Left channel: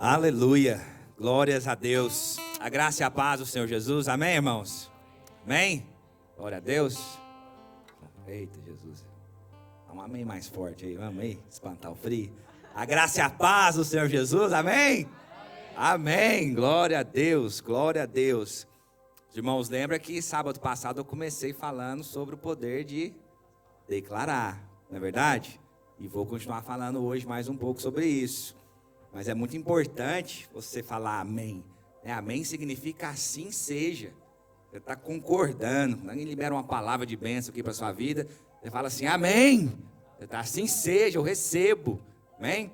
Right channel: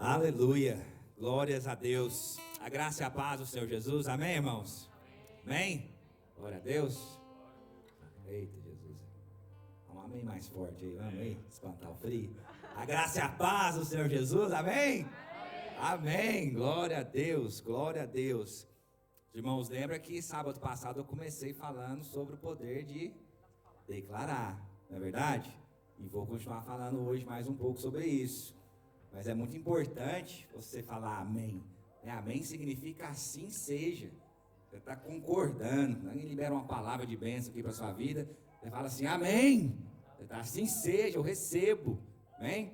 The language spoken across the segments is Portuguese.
Aleluia, glórias a Deus, a graça e a paz do Senhor Jesus, amém, irmãos? Amém? Glória a Deus. Eita, Jesus, dá um amém mais forte aí, vamos aí, espantar o frio. A graça e a paz do Senhor Jesus, amém? Amém, glória a Deus, glória a Deus. Os irmãos, lembra que sábado passado eu comecei falando sobre o poder de declarar, não é verdade? E vou continuar falando hoje mais um pouco sobre isso. Mas é muito importante você falar amém. Amém significa assim seja. Você está concordando. Alguém libera uma palavra de bênção aqui para a sua vida. Você fala assim, amém. Você está assim seja, eu recebo. Amém?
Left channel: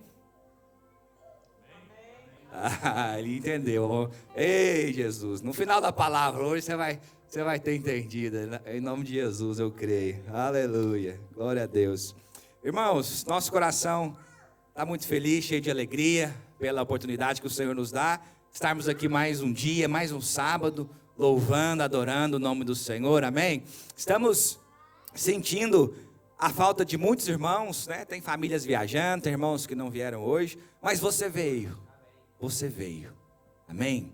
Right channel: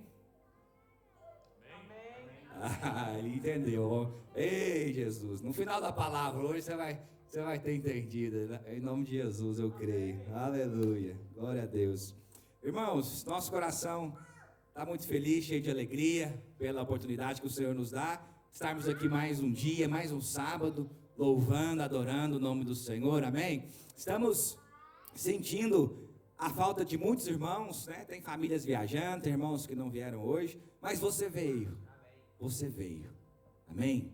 Ele entendeu. Ei, Jesus. No final da palavra hoje você vai ter entendido. Em nome de Jesus eu creio. Aleluia. Glória a Deus. Irmãos, nosso coração está muito feliz, cheio de alegria, pela oportunidade que o Senhor nos dá, estarmos aqui mais um dia, mais um sábado, louvando, adorando o nome do Senhor, amém? Estamos sentindo a falta de muitos irmãos, né? Tem famílias viajando, tem irmãos que não vieram hoje, mas você veio, amém?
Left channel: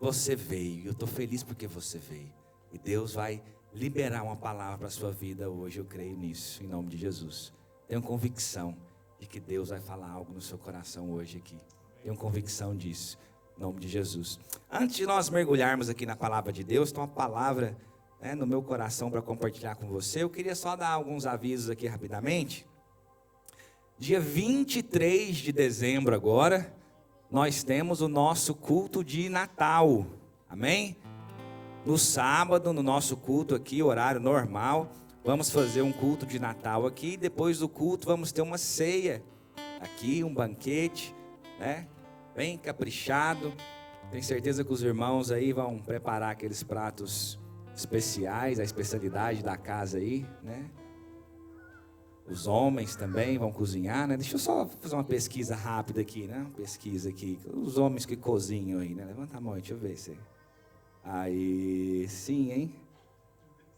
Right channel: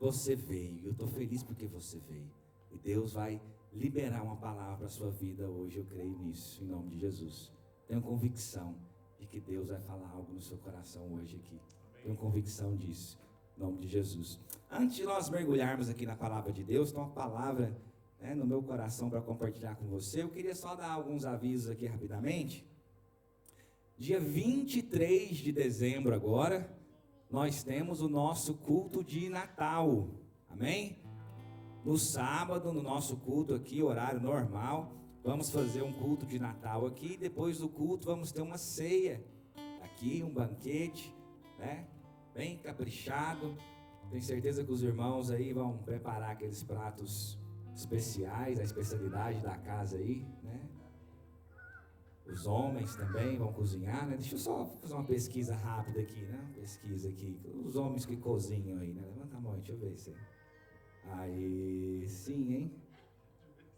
Você veio, eu estou feliz porque você veio, e Deus vai liberar uma palavra para a sua vida hoje, eu creio nisso, em nome de Jesus. Tenho convicção de que Deus vai falar algo no seu coração hoje aqui. Tenho convicção disso, em nome de Jesus. Antes de nós mergulharmos aqui na palavra de Deus, tem uma palavra no meu coração para compartilhar com você. Eu queria só dar alguns avisos aqui rapidamente. Dia 23 de dezembro agora, nós temos o nosso culto de Natal, amém? No sábado, no nosso culto aqui, horário normal, vamos fazer um culto de Natal aqui, depois do culto vamos ter uma ceia aqui, um banquete, né? Bem caprichado. Tenho certeza que os irmãos aí vão preparar aqueles pratos especiais, a especialidade da casa aí, né? Os homens também vão cozinhar, né? Deixa eu só fazer uma pesquisa rápida aqui, né? Uma pesquisa aqui, os homens que cozinham aí, né? Levanta a mão, deixa eu ver se... Aí, sim, hein?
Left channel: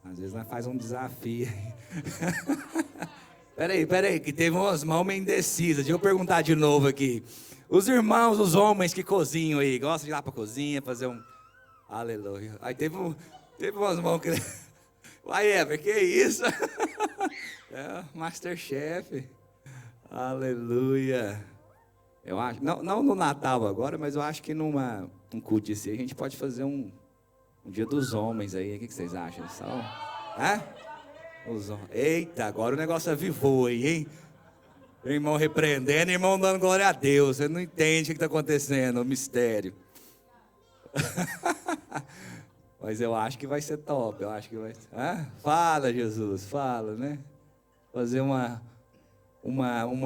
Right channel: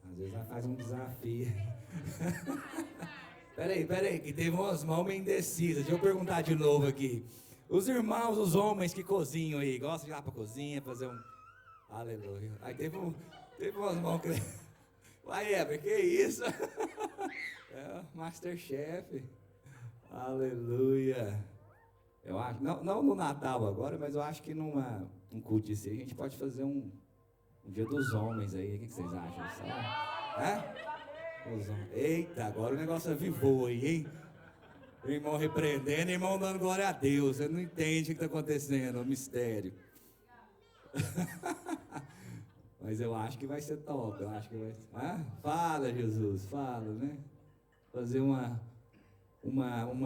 Às vezes nós faz um desafio. Peraí, que teve umas mãos meio indecisas. Deixa eu perguntar de novo aqui. Os irmãos, os homens que cozinham aí, gostam de ir lá pra cozinha, fazer um... Aleluia. Aí teve umas mãos que... Uai, Ever, que isso? Masterchef. Aleluia. Eu acho, não no Natal agora, mas eu acho que um culto assim, a gente pode fazer um dia dos homens aí, o que vocês acham? Eita, agora o negócio avivou aí, hein? O irmão repreendendo, o irmão dando glória a Deus. Você não entende o que está acontecendo, o mistério. Mas eu acho que vai ser top, eu acho que vai ser. Fala, Jesus, fala, né? Fazer uma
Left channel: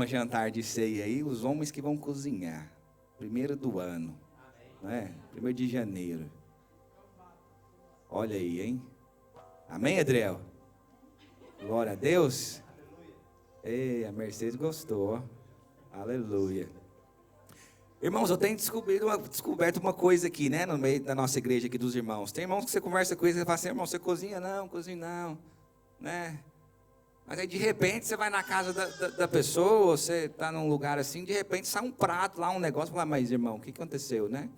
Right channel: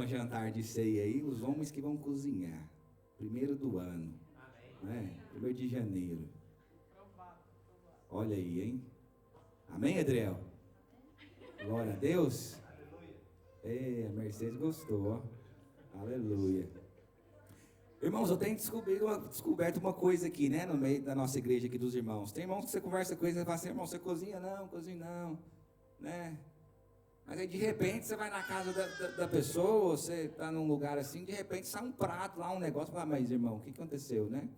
jantar de ceia aí, os homens que vão cozinhar. 1º do ano, né? 1º de janeiro. Olha aí, hein? Amém, Adriel? Glória a Deus. Ei, a Mercedes gostou. Aleluia. Irmãos, eu tenho descoberto uma coisa aqui, né? No meio da nossa igreja aqui dos irmãos. Tem irmãos que você conversa com eles e fala assim, irmão, você cozinha não, né? Mas aí de repente você vai na casa da pessoa, você está num lugar assim, de repente sai um prato lá, um negócio, fala, mas irmão, o que aconteceu, né?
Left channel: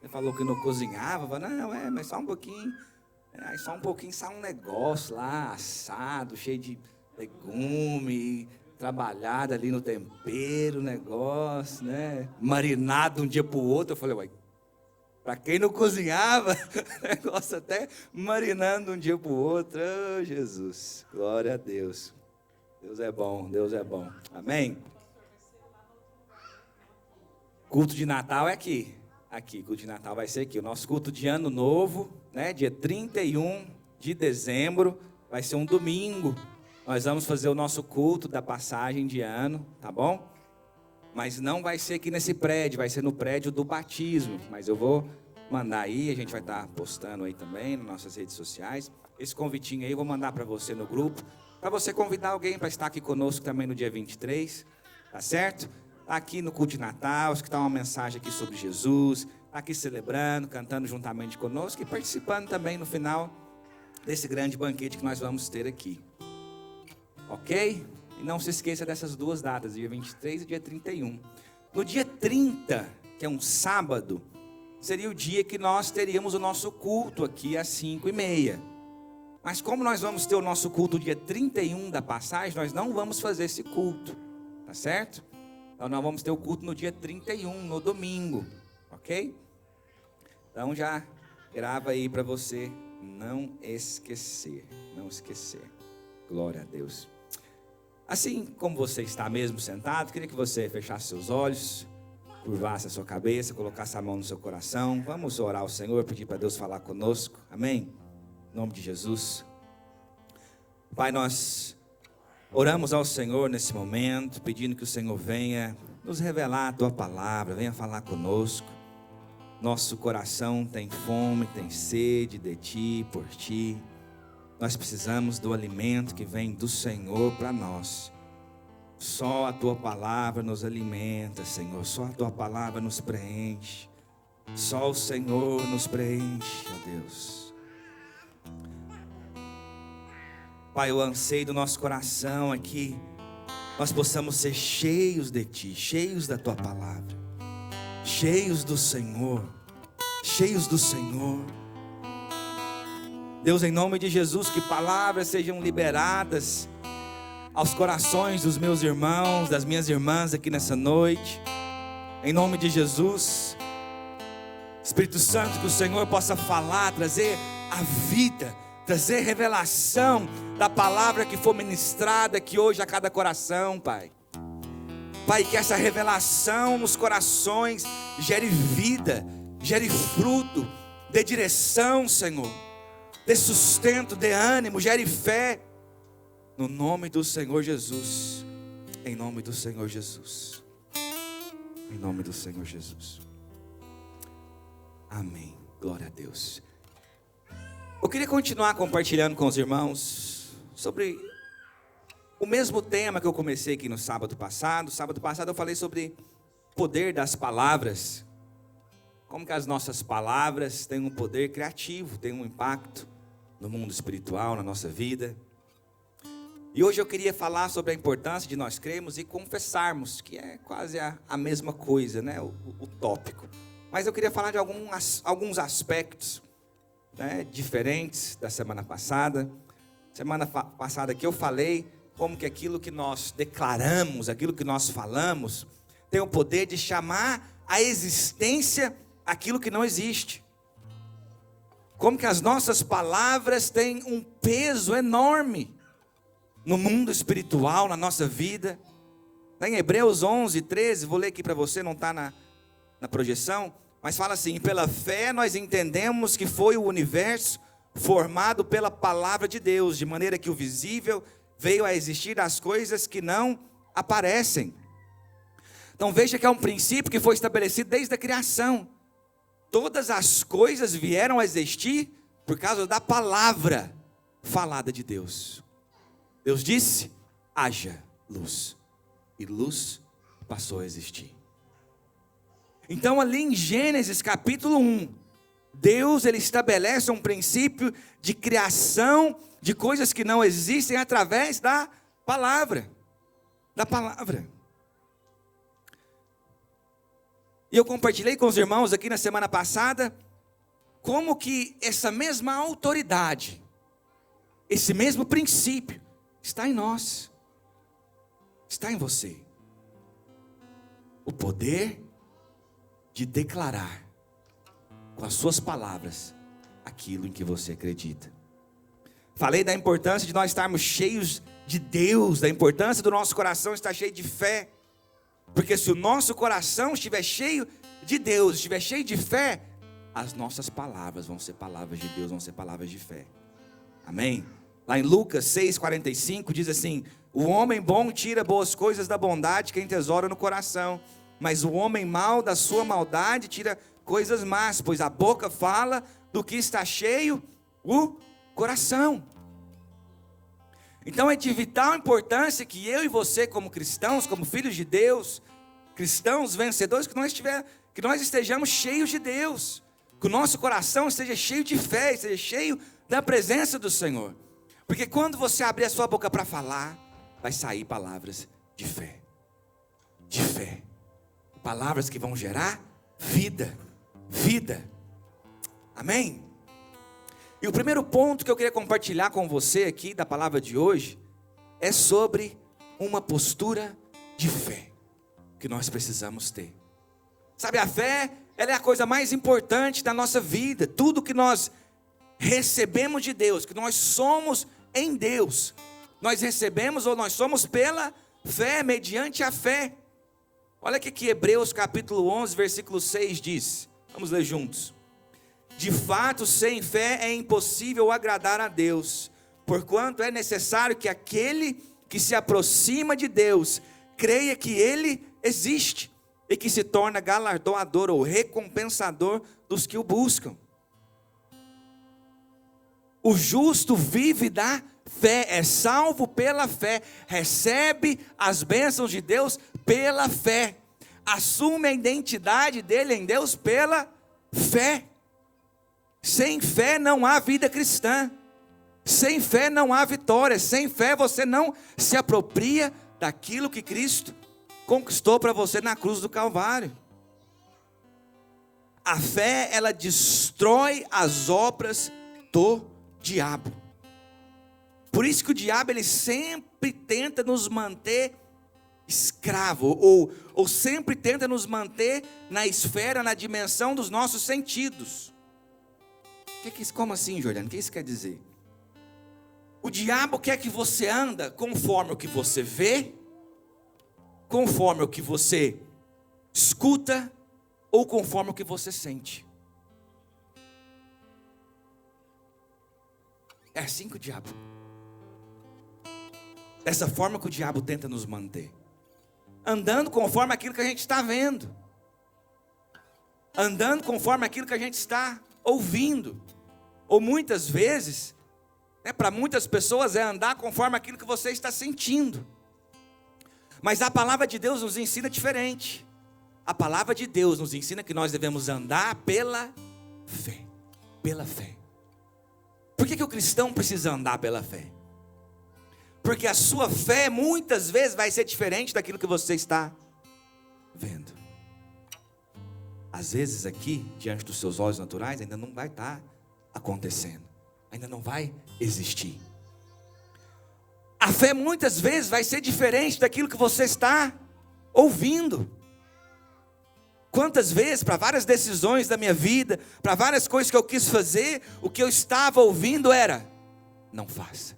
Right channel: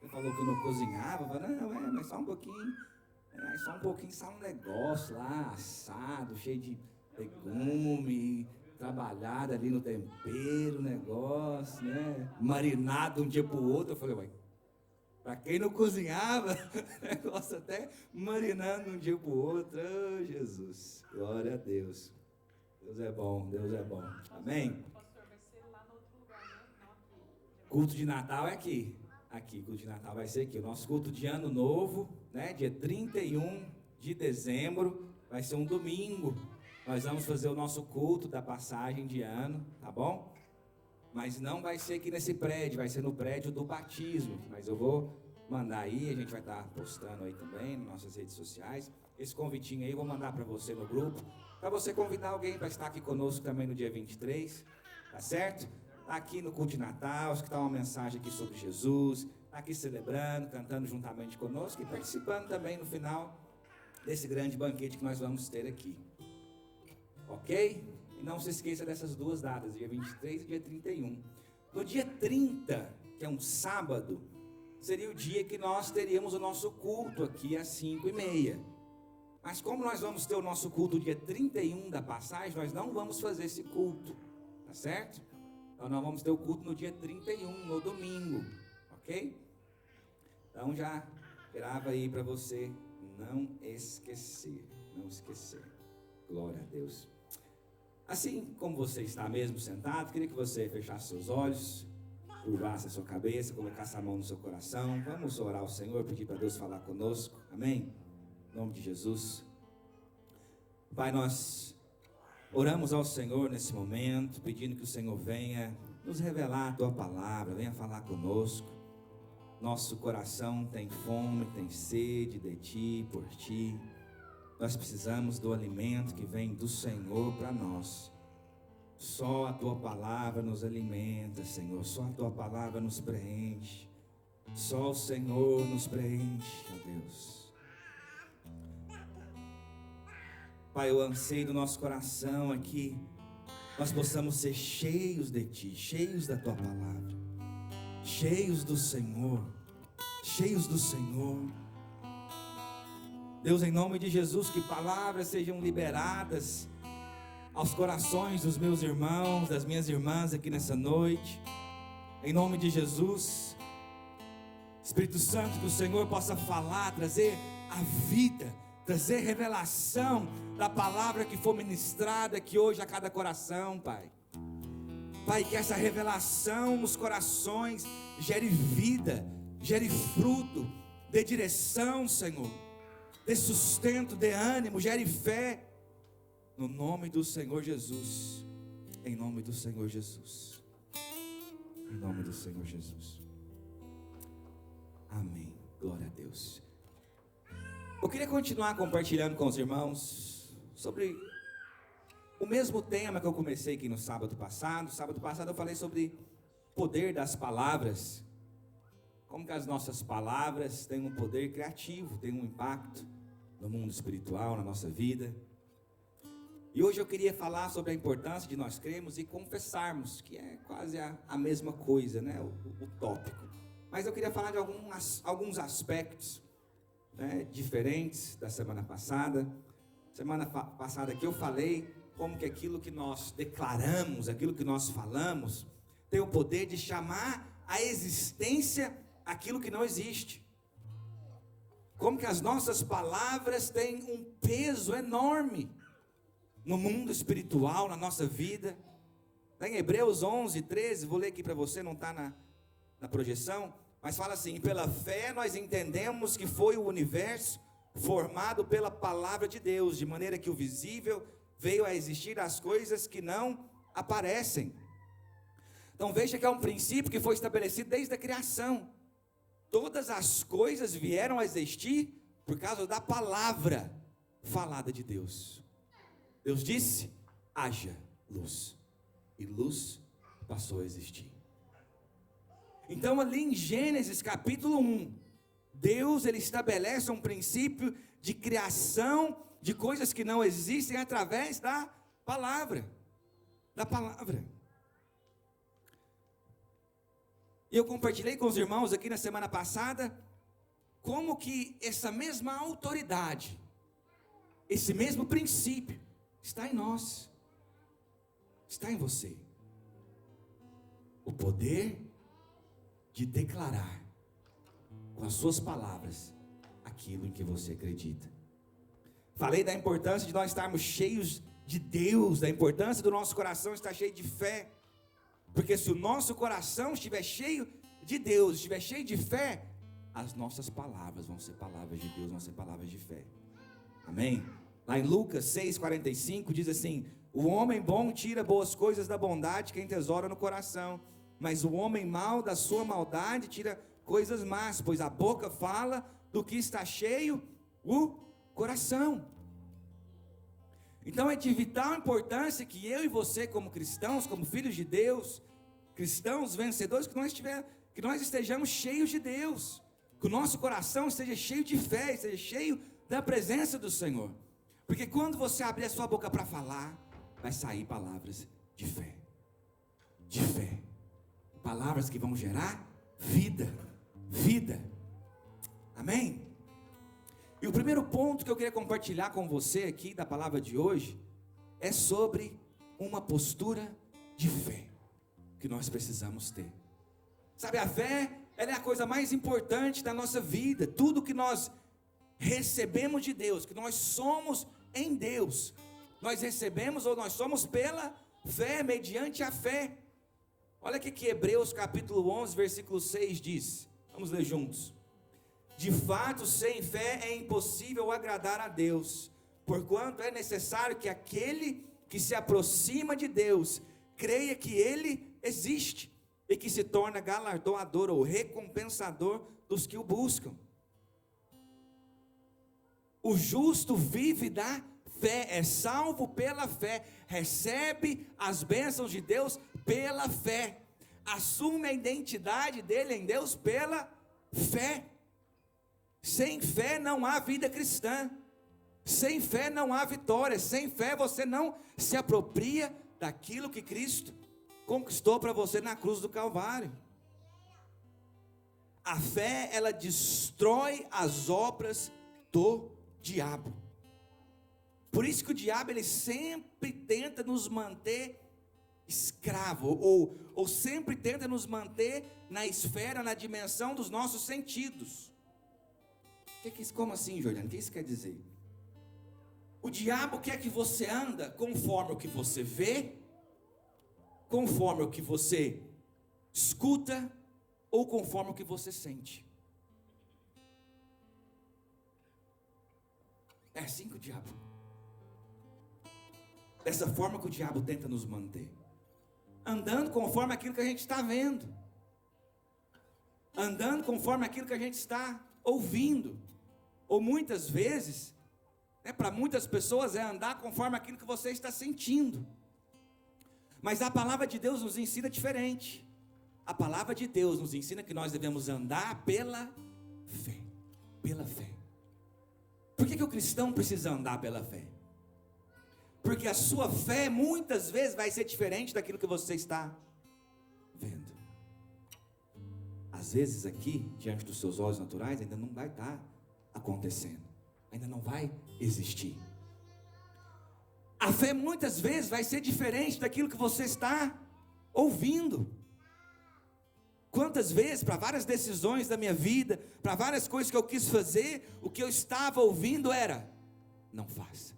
Ele falou que não cozinhava, fala, não, mas só um pouquinho. Aí só um pouquinho sai um negócio lá, assado, cheio de legume, trabalhado ali no tempero, negócio, né? Marinado de um dia pro outro. Eu falei, uai, pra quem não cozinhava, negócio até marinando de um dia pro outro. Oh, Jesus, glória a Deus. Deus é bom, Deus é bom. Amém? Culto de Natal é aqui. Aqui, culto de Natal vai ser aqui. O nosso culto de Ano Novo, né? Dia 31 de dezembro, vai ser um domingo. Nós vamos fazer o nosso culto da passagem de ano, tá bom? Mas não vai ser aqui nesse prédio, vai ser no prédio do batismo. Mas eu vou mandar aí, a gente vai estar postando aí também nas nossas redes sociais. Esse convitinho aí eu vou mandar para você no grupo, para você convidar alguém para estar aqui conosco também no dia 23, tá certo? Aqui no culto de Natal, escutar uma mensagem aqui sobre Jesus, aqui celebrando, cantando juntamente conosco e participando também no final desse grande banquete que nós vamos ter aqui. Ok? E não se esqueça dessas duas datas, dia 23 e dia 31. No dia 30 que é um sábado, seria o dia que nós teríamos o nosso culto aqui às 5h30. Mas como nós vamos ter o nosso culto dia 31 da passagem, nós não vamos fazer esse culto, tá certo? Então nós vamos ter o culto no dia 31, no domingo, ok? Então já grava aí para você não esquecer, não esquecer. Glória a Deus. Assim como você está mesmo sentado, queria que você fechasse seus olhos, curvasse a sua cabeça, colocasse a mão no seu coração. Vamos orar ao Senhor, pedir para Deus falar conosco, amém? Em nome de Jesus. Pai, nós oramos ao Senhor nesse momento, pedindo que o Senhor venha nos revelar a Tua palavra, venha falar conosco. Nosso coração tem fome, tem sede de Ti, por Ti. Nós precisamos do alimento que vem do Senhor para nós. Só a Tua palavra nos alimenta, Senhor. Só a Tua palavra nos preenche. Só o Senhor nos preenche, ó Deus. Pai, o anseio do nosso coração é que nós possamos ser cheios de Ti, cheios da Tua palavra, cheios do Senhor, cheios do Senhor. Deus, em nome de Jesus, que palavras sejam liberadas aos corações dos meus irmãos, das minhas irmãs aqui nessa noite, em nome de Jesus. Espírito Santo, que o Senhor possa falar, trazer a vida, trazer revelação da palavra que for ministrada aqui hoje a cada coração, Pai. Pai, que essa revelação nos corações gere vida, gere fruto, dê direção, Senhor, dê sustento, dê ânimo, gere fé. No nome do Senhor Jesus. Em nome do Senhor Jesus. Em nome do Senhor Jesus. Amém. Glória a Deus. Eu queria continuar compartilhando com os irmãos sobre o mesmo tema que eu comecei aqui no sábado passado. Sábado passado eu falei sobre o poder das palavras. Como que as nossas palavras têm um poder criativo, têm um impacto no mundo espiritual, na nossa vida. E hoje eu queria falar sobre a importância de nós crermos e confessarmos, que é quase a mesma coisa, né? O tópico. Mas eu queria falar de alguns aspectos, né, diferentes da semana passada. Semana passada aqui eu falei como que aquilo que nós declaramos, aquilo que nós falamos, tem o poder de chamar à existência aquilo que não existe. Como que as nossas palavras têm um peso enorme no mundo espiritual, na nossa vida. Em Hebreus 11, 13, vou ler aqui para você, não está na projeção, mas fala assim: pela fé nós entendemos que foi o universo formado pela palavra de Deus, de maneira que o visível veio a existir das coisas que não aparecem. Então veja que é um princípio que foi estabelecido desde a criação. Todas as coisas vieram a existir por causa da palavra falada de Deus. Deus disse: haja luz, e luz passou a existir. Então ali em Gênesis capítulo 1, Deus ele estabelece um princípio de criação de coisas que não existem através da palavra. Da palavra. E eu compartilhei com os irmãos aqui na semana passada como que essa mesma autoridade, esse mesmo princípio está em nós, está em você. O poder de declarar com as suas palavras aquilo em que você acredita. Falei da importância de nós estarmos cheios de Deus, da importância do nosso coração estar cheio de fé. Porque se o nosso coração estiver cheio de Deus, estiver cheio de fé, as nossas palavras vão ser palavras de Deus, vão ser palavras de fé. Amém? Lá em Lucas 6,45 diz assim: o homem bom tira boas coisas da bondade que entesoura no coração, mas o homem mau da sua maldade tira coisas más, pois a boca fala do que está cheio o coração. Então é de vital importância que eu e você, como cristãos, como filhos de Deus, cristãos vencedores, que nós estejamos cheios de Deus, que o nosso coração esteja cheio de fé, esteja cheio da presença do Senhor. Porque quando você abrir a sua boca para falar, vai sair palavras de fé. De fé. Palavras que vão gerar vida. Vida. Amém? E o primeiro ponto que eu queria compartilhar com você aqui da palavra de hoje é sobre uma postura de fé que nós precisamos ter. Sabe, a fé, ela é a coisa mais importante da nossa vida. Tudo que nós recebemos de Deus, que nós somos em Deus, nós recebemos ou nós somos pela fé, mediante a fé. Olha o que Hebreus capítulo 11, versículo 6 diz. Vamos ler juntos. De fato, sem fé é impossível agradar a Deus, porquanto é necessário que aquele que se aproxima de Deus creia que Ele existe e que se torna galardoador ou recompensador dos que o buscam. O justo vive da fé, é salvo pela fé, recebe as bênçãos de Deus pela fé, assume a identidade dele em Deus pela fé. Sem fé não há vida cristã, sem fé não há vitória, sem fé você não se apropria daquilo que Cristo conquistou para você na cruz do Calvário. A fé, ela destrói as obras do diabo. Por isso que o diabo, ele sempre tenta nos manter escravo, ou sempre tenta nos manter na esfera, na dimensão dos nossos sentidos. Como assim, Jordano? O que isso quer dizer? O diabo quer que você anda conforme o que você vê, conforme o que você escuta, ou conforme o que você sente. É assim que o diabo, dessa forma que o diabo tenta nos manter, andando conforme aquilo que a gente está vendo, andando conforme aquilo que a gente está ouvindo, ou muitas vezes, para muitas pessoas é andar conforme aquilo que você está sentindo. Mas a palavra de Deus nos ensina diferente. A palavra de Deus nos ensina que nós devemos andar pela fé. Pela fé. Por que o cristão precisa andar pela fé? Porque a sua fé muitas vezes vai ser diferente daquilo que você está vendo. Às vezes aqui, diante dos seus olhos naturais, ainda não vai estar acontecendo. Ainda não vai existir. A fé muitas vezes vai ser diferente daquilo que você está ouvindo. Quantas vezes, para várias decisões da minha vida, para várias coisas que eu quis fazer, o que eu estava ouvindo era: não faça,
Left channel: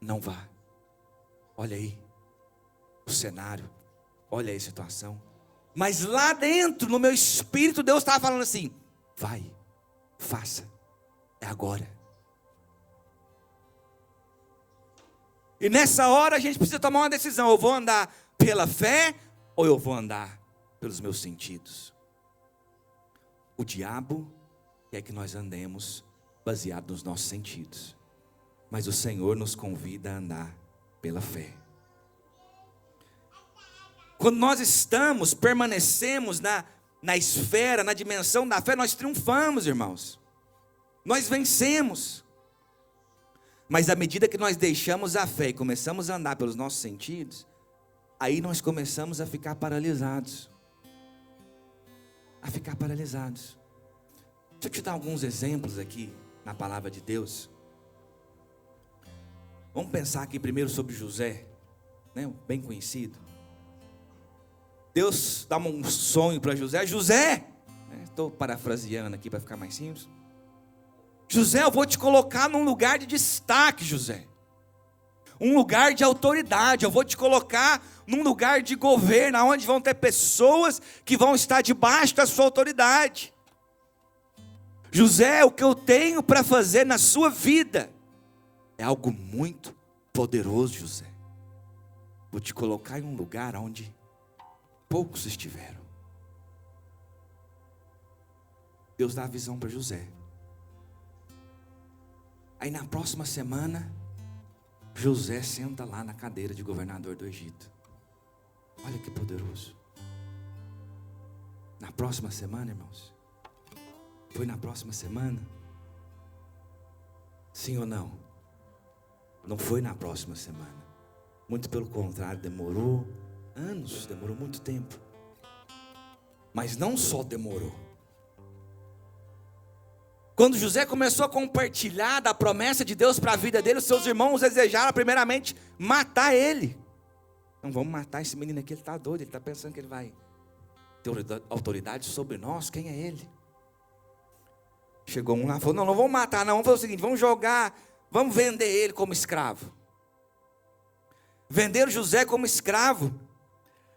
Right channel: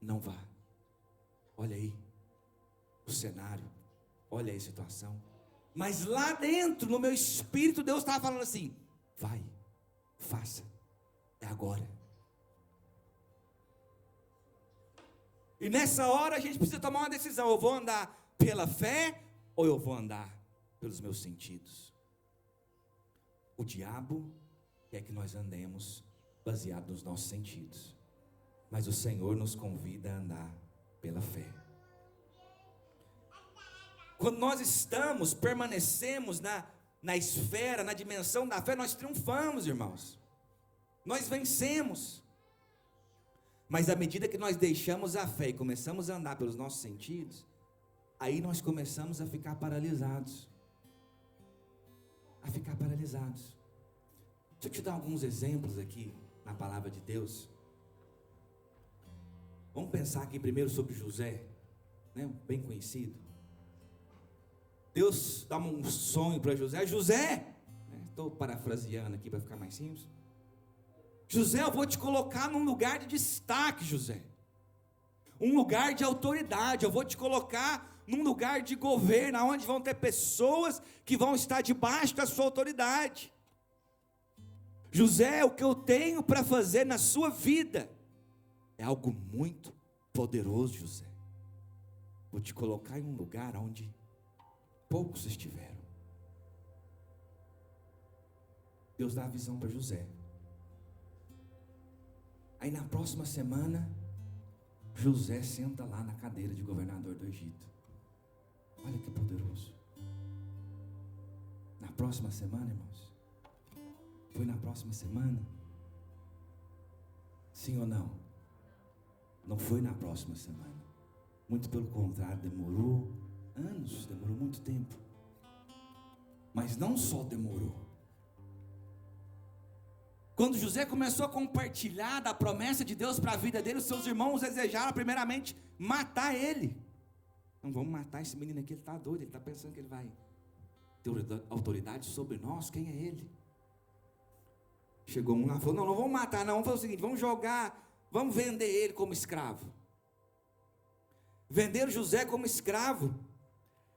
não vá. Olha aí o cenário, olha aí a situação. Mas lá dentro, no meu espírito, Deus estava falando assim: vai, faça, é agora. E nessa hora a gente precisa tomar uma decisão: eu vou andar pela fé ou eu vou andar pelos meus sentidos? O diabo quer que nós andemos baseado nos nossos sentidos, mas o Senhor nos convida a andar pela fé. Quando nós permanecemos na esfera, na dimensão da fé, nós triunfamos, irmãos. Nós vencemos. Mas à medida que nós deixamos a fé e começamos a andar pelos nossos sentidos, aí nós começamos a ficar paralisados. Deixa eu te dar alguns exemplos aqui na palavra de Deus. Vamos pensar aqui primeiro sobre José, né? Bem conhecido. Deus dá um sonho para José. José, estou parafraseando aqui para ficar mais simples. José, eu vou te colocar num lugar de destaque, José. Um lugar de autoridade. Eu vou te colocar num lugar de governo, onde vão ter pessoas que vão estar debaixo da sua autoridade. José, o que eu tenho para fazer na sua vida é algo muito poderoso, José. Vou te colocar em um lugar onde poucos estiveram. Deus dá a visão para José. Aí na próxima semana, José senta lá na cadeira de governador do Egito. Olha que poderoso. Na próxima semana, irmãos. Foi na próxima semana? Sim ou não? Não foi na próxima semana. Muito pelo contrário, demorou anos, demorou muito tempo. Mas não só demorou. Quando José começou a compartilhar da promessa de Deus para a vida dele, os seus irmãos desejaram primeiramente matar ele. Não, vamos matar esse menino aqui, ele está doido, ele está pensando que ele vai ter autoridade sobre nós, quem é ele? Chegou um lá e falou, não vamos matar não, vamos fazer o seguinte, vamos jogar, vamos vender ele como escravo. Venderam José como escravo,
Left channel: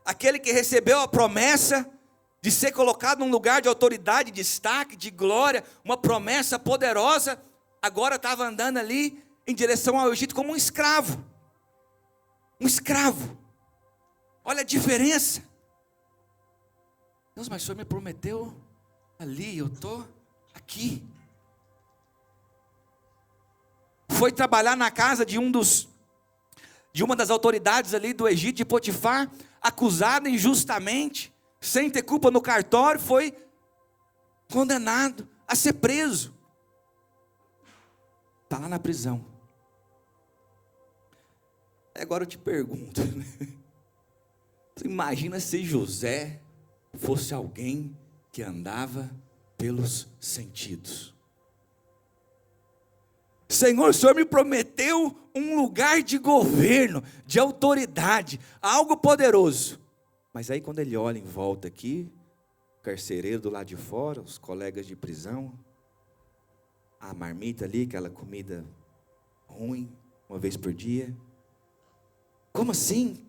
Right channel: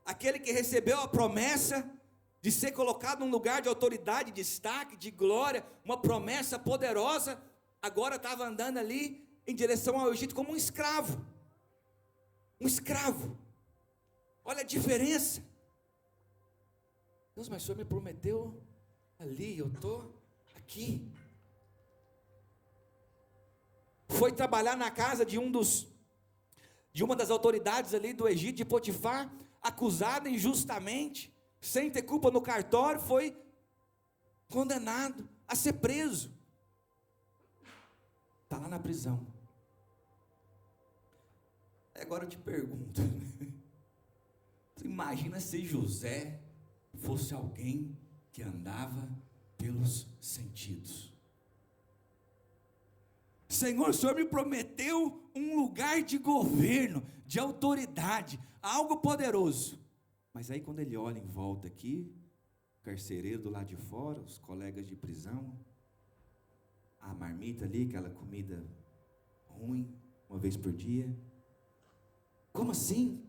aquele que recebeu a promessa de ser colocado num lugar de autoridade, de destaque, de glória, uma promessa poderosa, agora estava andando ali em direção ao Egito como um escravo. Um escravo. Olha a diferença. Deus, mas o Senhor me prometeu ali, eu estou aqui. Foi trabalhar na casa de uma das autoridades ali do Egito, de Potifar, acusado injustamente, sem ter culpa no cartório, foi condenado a ser preso. Está lá na prisão. Agora eu te pergunto, imagina se José fosse alguém que andava pelos sentidos. Senhor, o Senhor me prometeu um lugar de governo, de autoridade, algo poderoso. Mas aí quando ele olha em volta aqui, o carcereiro do lado de fora, os colegas de prisão, a marmita ali, aquela comida ruim, uma vez por dia. Como assim,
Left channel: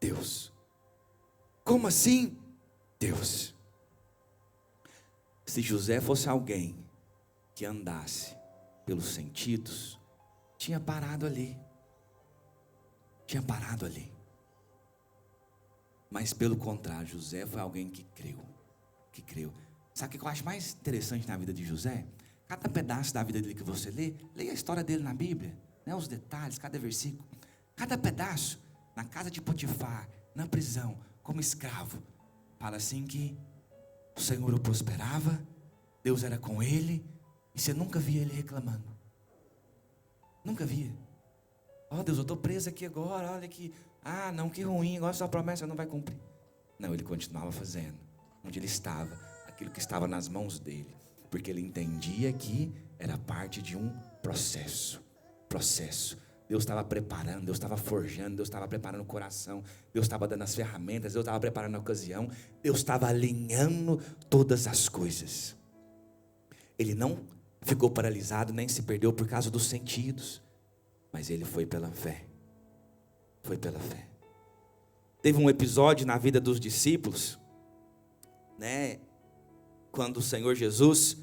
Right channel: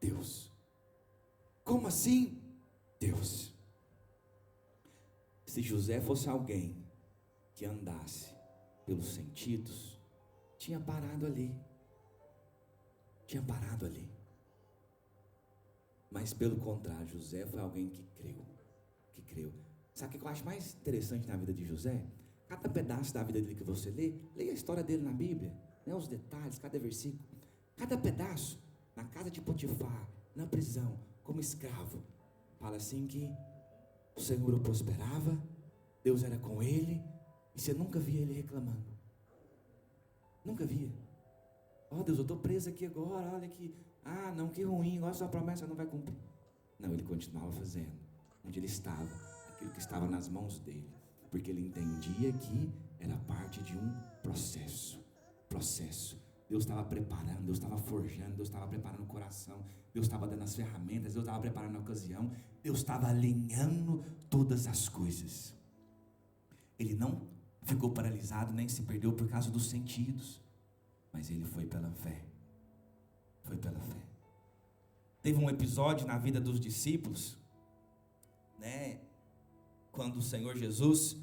Deus? Como assim, Deus? Se José fosse alguém que andasse pelos sentidos, tinha parado ali. Tinha parado ali. Mas pelo contrário, José foi alguém que creu. Que creu. Sabe o que eu acho mais interessante na vida de José? Cada pedaço da vida dele que você lê, leia a história dele na Bíblia, né? Os detalhes, cada versículo. Cada pedaço, na casa de Potifar, na prisão, como escravo, fala assim que o Senhor o prosperava, Deus era com ele, e você nunca via ele reclamando. Nunca via. Ó Deus, eu estou preso aqui agora, olha aqui. Ah, não, que ruim, agora sua promessa não vai cumprir. Não, ele continuava fazendo, onde ele estava, aquilo que estava nas mãos dele, porque ele entendia que era parte de um processo. Deus estava preparando, Deus estava forjando, Deus estava preparando o coração, Deus estava dando as ferramentas, Deus estava preparando a ocasião, Deus estava alinhando todas as coisas. Ele não ficou paralisado, nem se perdeu por causa dos sentidos, mas ele foi pela fé. Foi pela fé. Teve um episódio na vida dos discípulos, né, quando o Senhor Jesus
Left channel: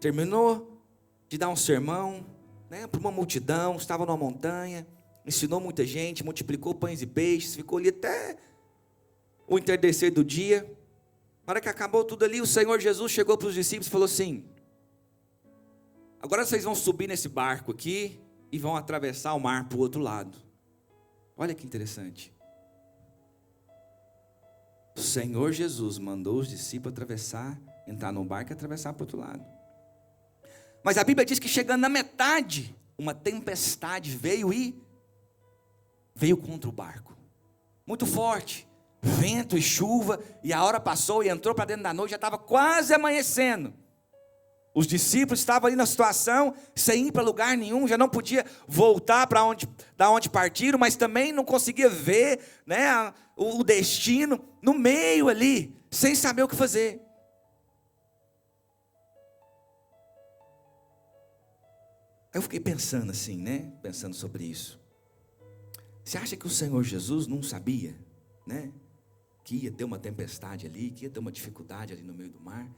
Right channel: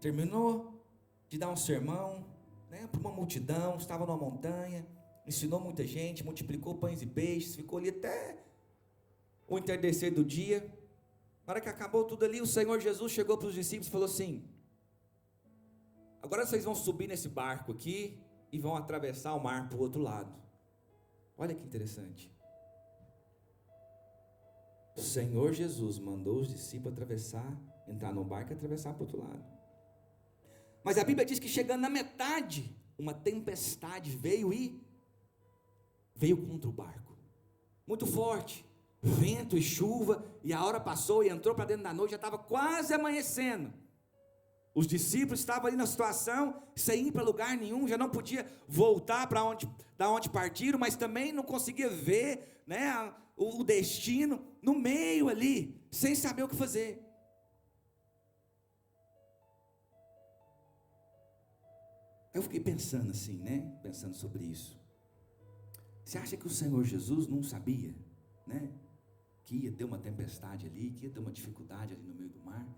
terminou de dar um sermão, né, para uma multidão, estava numa montanha, ensinou muita gente, multiplicou pães e peixes, ficou ali até o entardecer do dia. Na hora que acabou tudo ali, o Senhor Jesus chegou para os discípulos e falou assim: agora vocês vão subir nesse barco aqui e vão atravessar o mar para o outro lado. Olha que interessante. O Senhor Jesus mandou os discípulos atravessar, entrar no barco e atravessar para o outro lado. Mas a Bíblia diz que chegando na metade, uma tempestade veio contra o barco. Muito forte, vento e chuva, e a hora passou e entrou para dentro da noite, já estava quase amanhecendo. Os discípulos estavam ali na situação, sem ir para lugar nenhum, já não podia voltar da onde partiram, mas também não conseguia ver, né, o destino, no meio ali, sem saber o que fazer. Eu fiquei pensando assim, né, pensando sobre isso. Você acha que o Senhor Jesus não sabia, né, que ia ter uma tempestade ali, que ia ter uma dificuldade ali no meio do mar?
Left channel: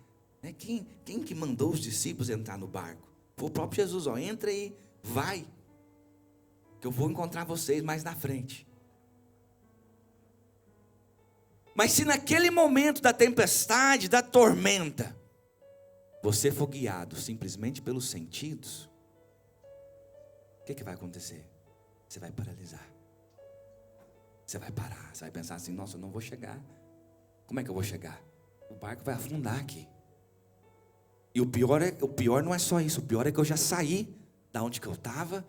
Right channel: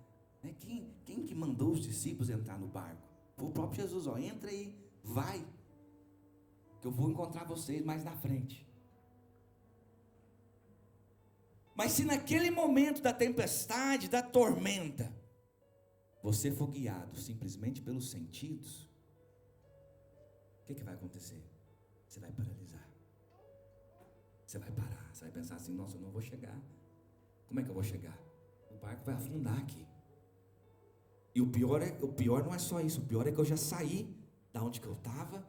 Quem que mandou os discípulos entrar no barco? Foi o próprio Jesus. Entra aí, vai, que eu vou encontrar vocês mais na frente. Mas se naquele momento da tempestade, da tormenta, você for guiado simplesmente pelos sentidos, o que vai acontecer? Você vai paralisar. Você vai parar, você vai pensar assim: nossa, eu não vou chegar. Como é que eu vou chegar? O barco vai afundar aqui. E o pior não é só isso, o pior é que eu já saí da onde que eu estava,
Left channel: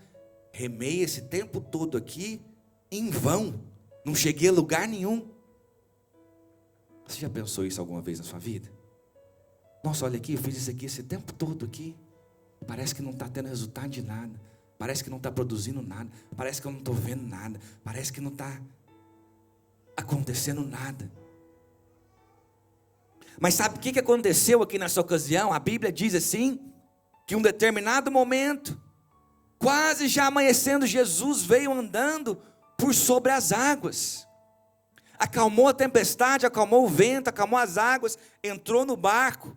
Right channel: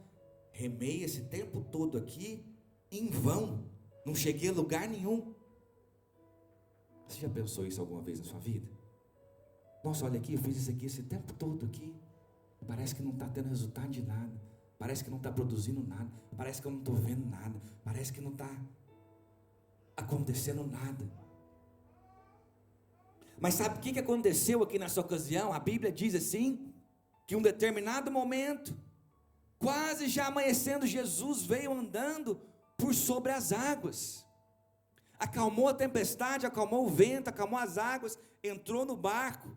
remei esse tempo todo aqui, em vão, não cheguei a lugar nenhum. Você já pensou isso alguma vez na sua vida? Nossa, olha aqui, eu fiz isso aqui esse tempo todo aqui. Parece que não está tendo resultado de nada. Parece que não está produzindo nada. Parece que eu não estou vendo nada. Parece que não está acontecendo nada. Mas sabe o que aconteceu aqui nessa ocasião? A Bíblia diz assim, que em um determinado momento, quase já amanhecendo, Jesus veio andando por sobre as águas. Acalmou a tempestade, acalmou o vento, acalmou as águas, entrou no barco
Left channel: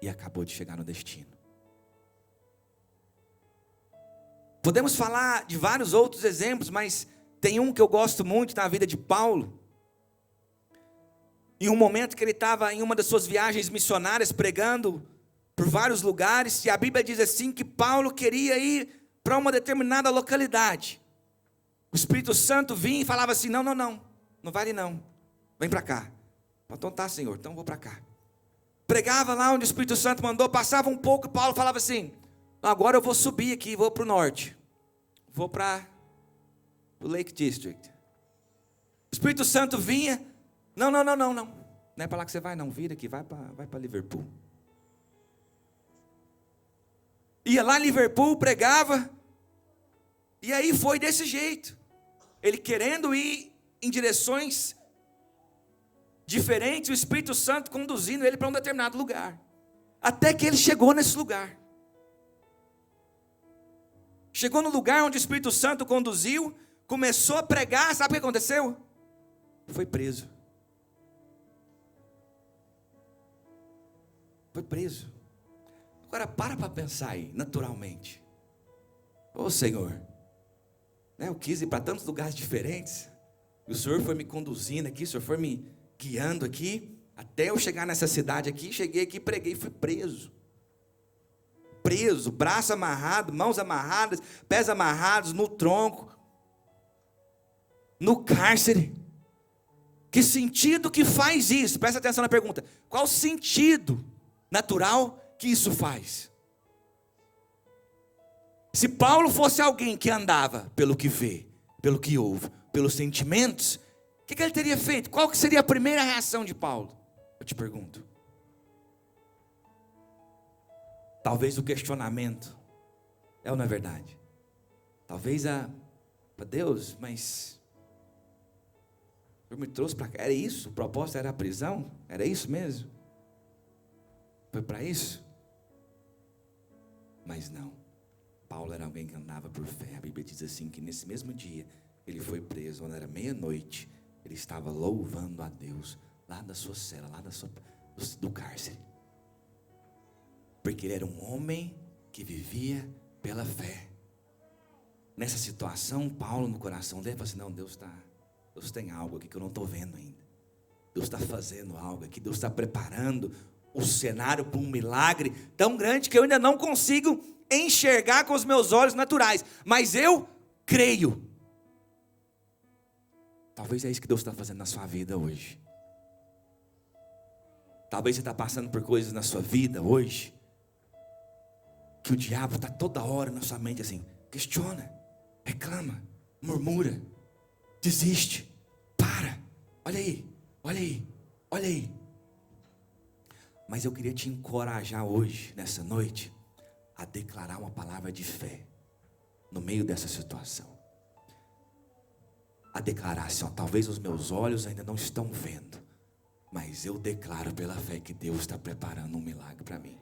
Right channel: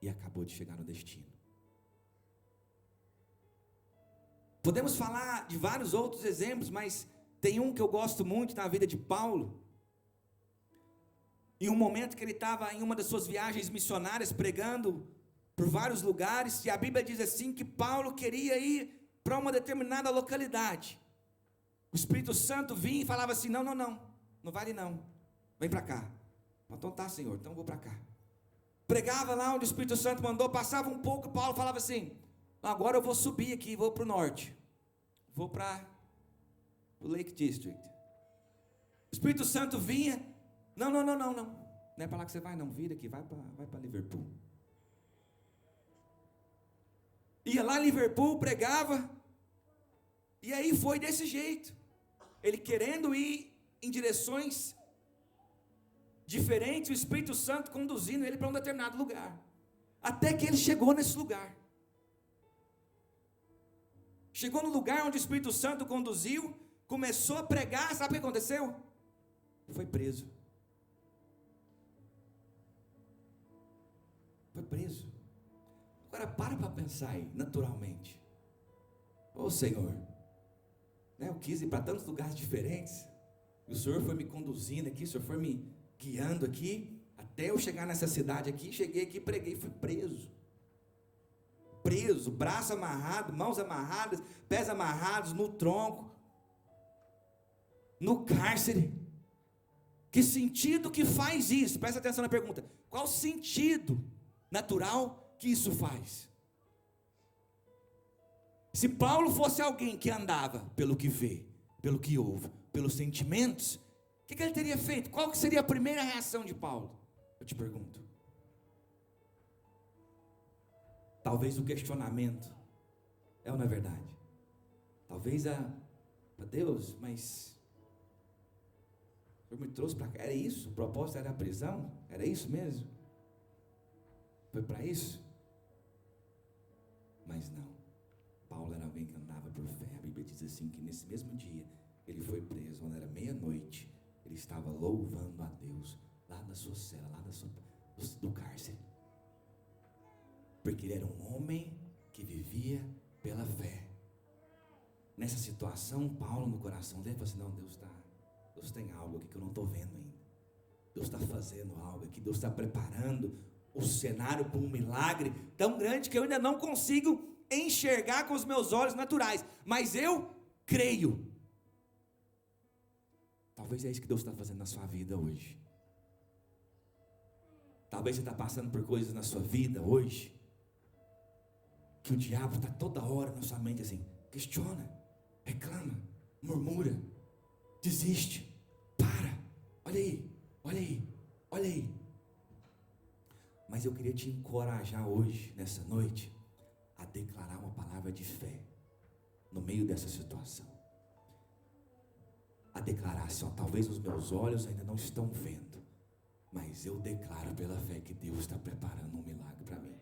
e acabou de chegar no destino. Podemos falar de vários outros exemplos, mas tem um que eu gosto muito na vida de Paulo. Em um momento que ele estava em uma das suas viagens missionárias, pregando por vários lugares, e a Bíblia diz assim, que Paulo queria ir para uma determinada localidade. O Espírito Santo vinha e falava assim, não vai ali não, vem para cá. Então tá, Senhor, então vou para cá. Pregava lá onde o Espírito Santo mandou, passava um pouco, e Paulo falava assim, agora eu vou subir aqui, vou para o norte, vou para o Lake District. O Espírito Santo vinha, não é para lá que você vai não, vira aqui, vai para Liverpool. Ia lá em Liverpool, pregava, e aí foi desse jeito, ele querendo ir em direções diferentes, o Espírito Santo conduzindo ele para um determinado lugar, até que ele chegou nesse lugar. Chegou no lugar onde o Espírito Santo conduziu, começou a pregar, sabe o que aconteceu? Foi preso. Foi preso. Agora para pensar aí, naturalmente. Ô Senhor, eu quis ir para tantos lugares diferentes, e o Senhor foi me conduzindo aqui, o Senhor foi me guiando aqui, até eu chegar nessa cidade aqui, cheguei aqui, preguei e fui preso. Preso, braço amarrado, mãos amarradas, pés amarrados no tronco, no cárcere. Que sentido que faz isso? Presta atenção na pergunta. Qual sentido natural que isso faz? Se Paulo fosse alguém que andava pelo que vê, pelo que ouve, pelos sentimentos, o que ele teria feito? Qual que seria a primeira reação de Paulo? Eu te pergunto. Talvez o questionamento, é ou não é verdade? Talvez Deus, mas o Senhor me trouxe para cá, era isso? O propósito era a prisão? Era isso mesmo? Foi para isso? Mas não, Paulo era alguém que andava por fé. A Bíblia diz assim, que nesse mesmo dia, ele foi preso, quando era meia-noite, ele estava louvando a Deus, lá da sua cela, lá do cárcere. Porque ele era um homem que vivia pela fé. Nessa situação, Paulo no coração dele falou assim, não, Deus tem algo aqui que eu não estou vendo ainda. Deus está fazendo algo aqui, Deus está preparando o cenário para um milagre tão grande que eu ainda não consigo enxergar com os meus olhos naturais, mas eu creio. Talvez é isso que Deus está fazendo na sua vida hoje. Talvez você está passando por coisas na sua vida hoje, que o diabo está toda hora na sua mente assim, questiona, reclama, murmura, desiste, para, olha aí. Mas eu queria te encorajar hoje, nessa noite, a declarar uma palavra de fé, no meio dessa situação. A declarar assim, talvez os meus olhos ainda não estão vendo, mas eu declaro pela fé que Deus está preparando um milagre para mim.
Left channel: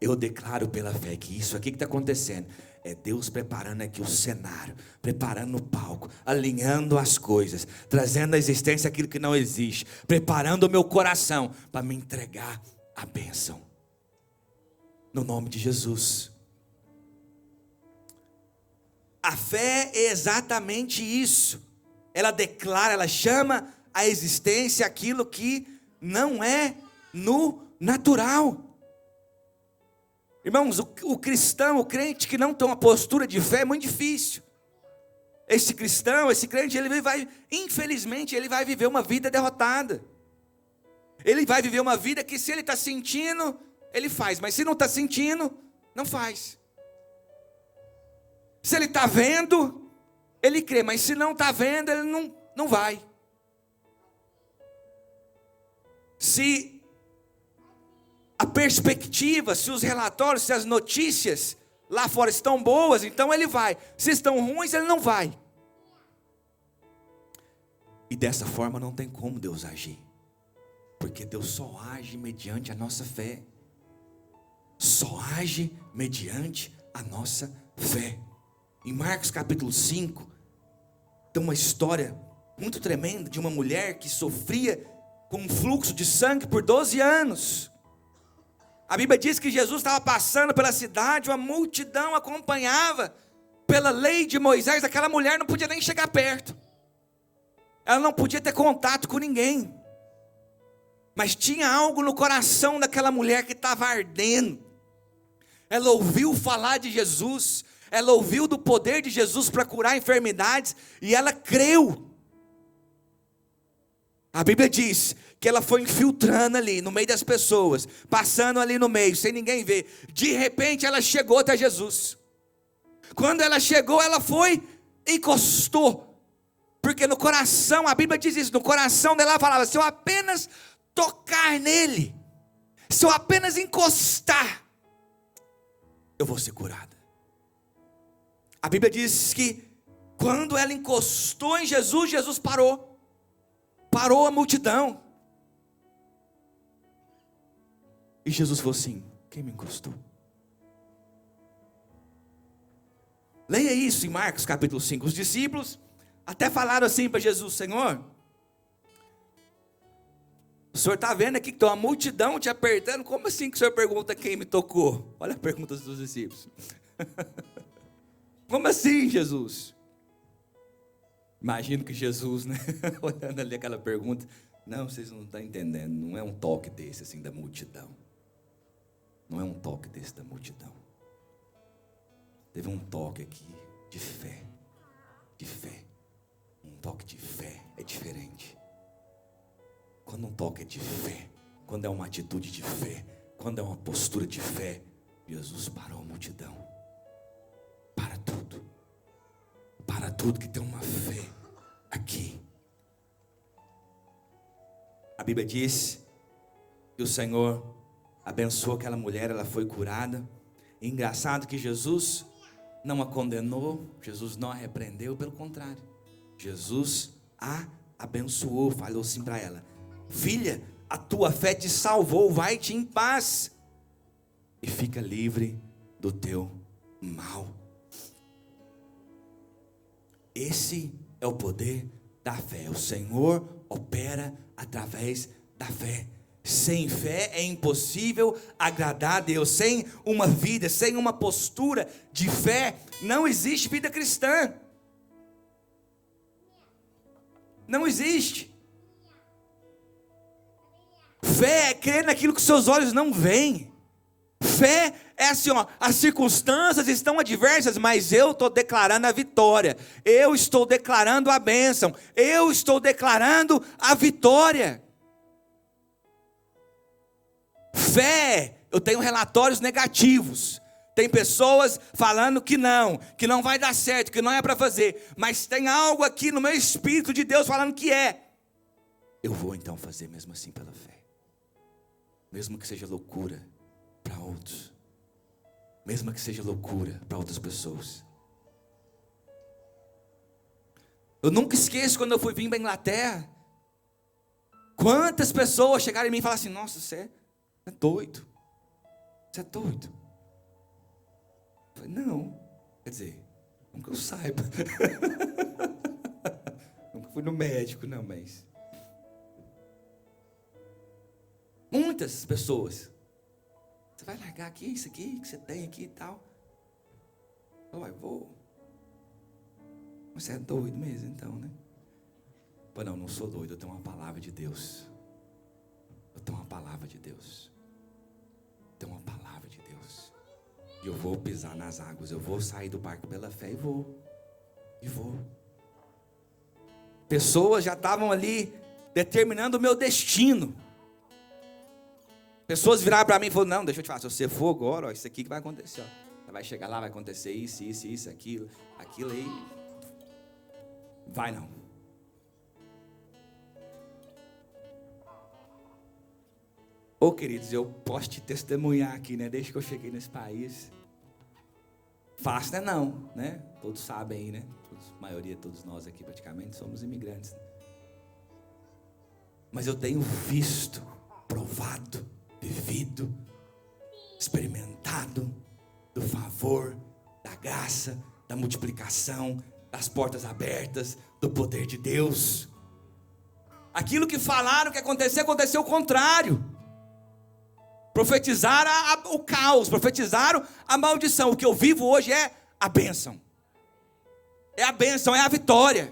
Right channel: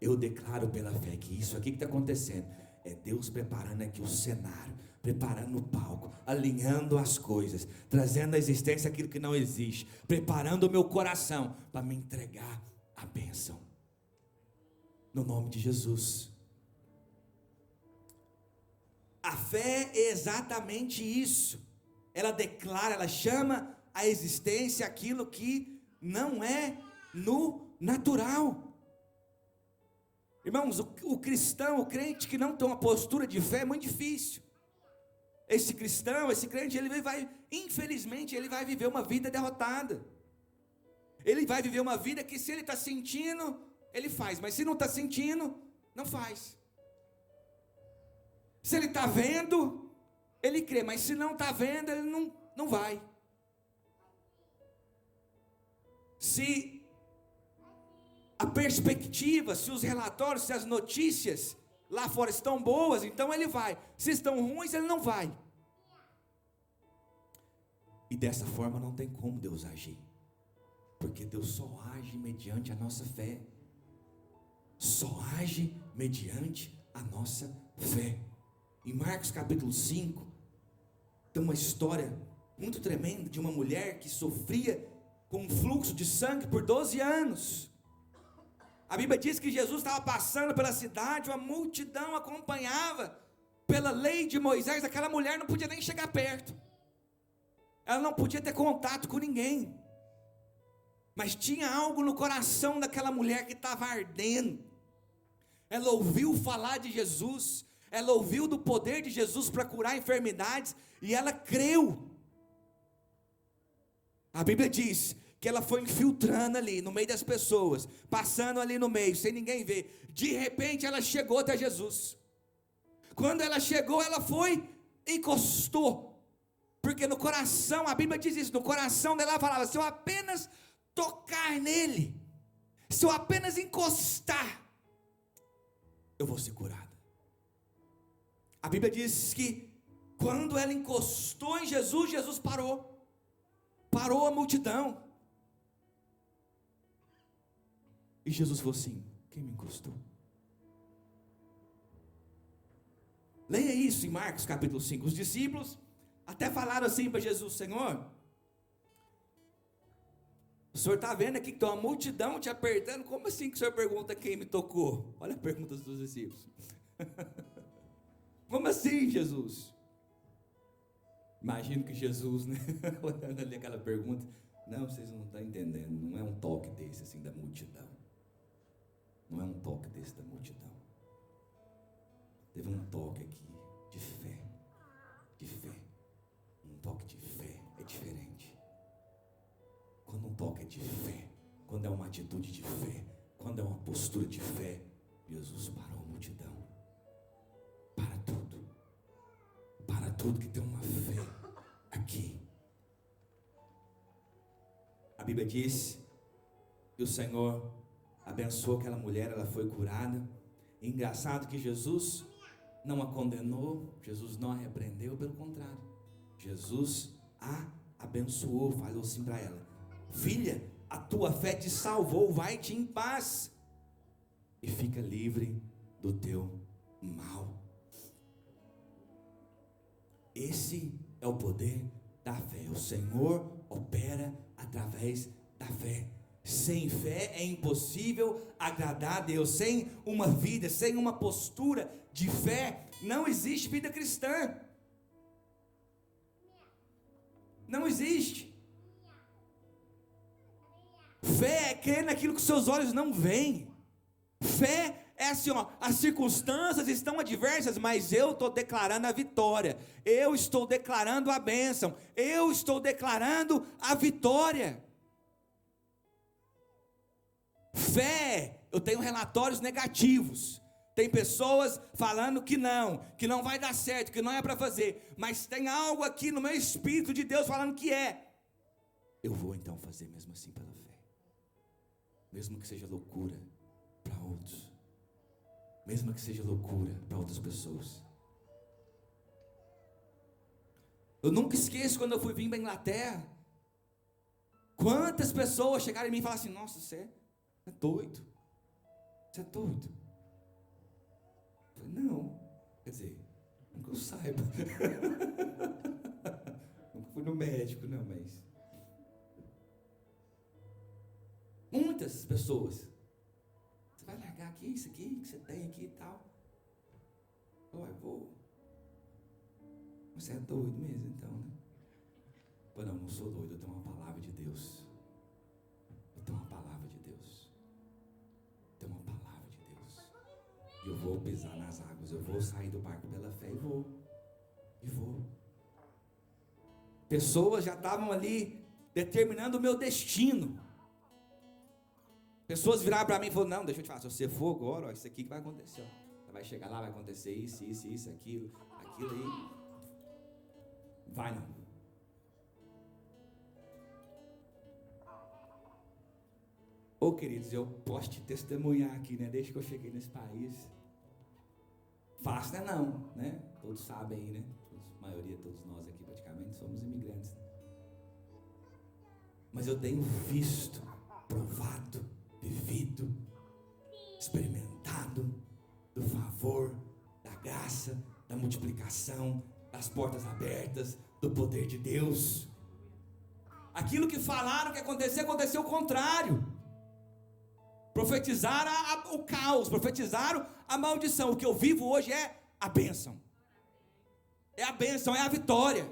Eu declaro pela fé que isso aqui que está acontecendo é Deus preparando aqui o cenário, preparando o palco, alinhando as coisas, trazendo à existência aquilo que não existe, preparando o meu coração para me entregar a bênção. No nome de Jesus. A fé é exatamente isso. Ela declara, ela chama à existência aquilo que não é no natural. Irmãos, o cristão, o crente que não tem uma postura de fé é muito difícil. Esse cristão, esse crente, infelizmente, ele vai viver uma vida derrotada. Ele vai viver uma vida que se ele está sentindo, ele faz. Mas se não está sentindo, não faz. Se ele está vendo, ele crê. Mas se não está vendo, ele não vai. Se a perspectiva, se os relatórios, se as notícias lá fora estão boas, então ele vai. Se estão ruins, ele não vai. E dessa forma não tem como Deus agir. Porque Deus só age mediante a nossa fé. Só age mediante a nossa fé. Em Marcos capítulo 5, tem uma história muito tremenda de uma mulher que sofria com um fluxo de sangue por 12 anos. A Bíblia diz que Jesus estava passando pela cidade, uma multidão acompanhava. Pela lei de Moisés, aquela mulher não podia nem chegar perto. Ela não podia ter contato com ninguém. Mas tinha algo no coração daquela mulher que estava ardendo. Ela ouviu falar de Jesus. Ela ouviu do poder de Jesus para curar enfermidades. E ela creu. A Bíblia diz que ela foi infiltrando ali no meio das pessoas, passando ali no meio, sem ninguém ver. De repente ela chegou até Jesus. Quando ela chegou, ela foi, encostou. Porque no coração, a Bíblia diz isso, no coração dela ela falava: se eu apenas tocar nele, se eu apenas encostar, eu vou ser curada. A Bíblia diz que quando ela encostou em Jesus, Jesus parou a multidão. E Jesus falou assim: quem me encostou? Leia isso em Marcos capítulo 5. Os discípulos até falaram assim para Jesus: Senhor, o Senhor está vendo aqui que tem uma multidão te apertando, como assim que o Senhor pergunta quem me tocou? Olha a pergunta dos discípulos. Como assim, Jesus? Imagino que Jesus, né, olhando ali aquela pergunta: não, vocês não estão entendendo, não é um toque desse assim da multidão. Não é um toque desse da multidão. Teve um toque aqui de fé. De fé. Um toque de fé é diferente. Quando um toque é de fé, quando é uma atitude de fé, quando é uma postura de fé, Jesus parou a multidão. Para tudo. Para tudo que tem uma fé aqui. A Bíblia diz que o Senhor abençoou aquela mulher, ela foi curada. E engraçado que Jesus não a condenou, Jesus não a repreendeu, pelo contrário, Jesus a abençoou, falou assim para ela: filha, a tua fé te salvou, vai-te em paz e fica livre do teu mal. Esse é o poder da fé. O Senhor opera através da fé. Sem fé é impossível agradar a Deus. Sem uma vida, sem uma postura de fé, não existe vida cristã. Não existe. Fé é crer naquilo que seus olhos não veem. Fé é assim, ó, as circunstâncias estão adversas, mas eu estou declarando a vitória. Eu estou declarando a bênção. Eu estou declarando a vitória. Fé, eu tenho relatórios negativos. Tem pessoas falando que não vai dar certo, que não é para fazer. Mas tem algo aqui no meu espírito de Deus falando que é. Eu vou então fazer mesmo assim pela fé. Mesmo que seja loucura para outros. Mesmo que seja loucura para outras pessoas. Eu nunca esqueço quando eu fui vir para a Inglaterra. Quantas pessoas chegaram em mim e falaram assim: nossa, você é doido. Você é doido. Eu falei: não. Quer dizer, nunca eu saiba. Nunca fui no médico, não, mas... Muitas pessoas. Você vai largar aqui, isso aqui que você tem aqui e tal? Eu falei: vou. Você é doido mesmo então, né? Eu falei: não sou doido, eu tenho uma palavra de Deus. Eu tenho uma palavra de Deus. Tenho uma palavra de Deus. E eu vou pisar nas águas. Eu vou sair do barco pela fé e vou. E vou. Pessoas já estavam ali determinando o meu destino. Pessoas viraram para mim e falaram: não, deixa eu te falar, se você for agora, ó, isso aqui que vai acontecer, ó. Você vai chegar lá, vai acontecer isso, aquilo aí. Vai não. Ô queridos, eu posso te testemunhar aqui, né? Desde que eu cheguei nesse país. Fácil não, né? Todos sabem aí, né? A maioria, todos nós aqui praticamente somos imigrantes. Mas eu tenho visto, provado, vivido, experimentado do favor, da graça, da multiplicação, das portas abertas, do poder de Deus. Aquilo que falaram que aconteceu o contrário. Profetizaram o caos, profetizaram a maldição. O que eu vivo hoje é a bênção. É a bênção, é a vitória.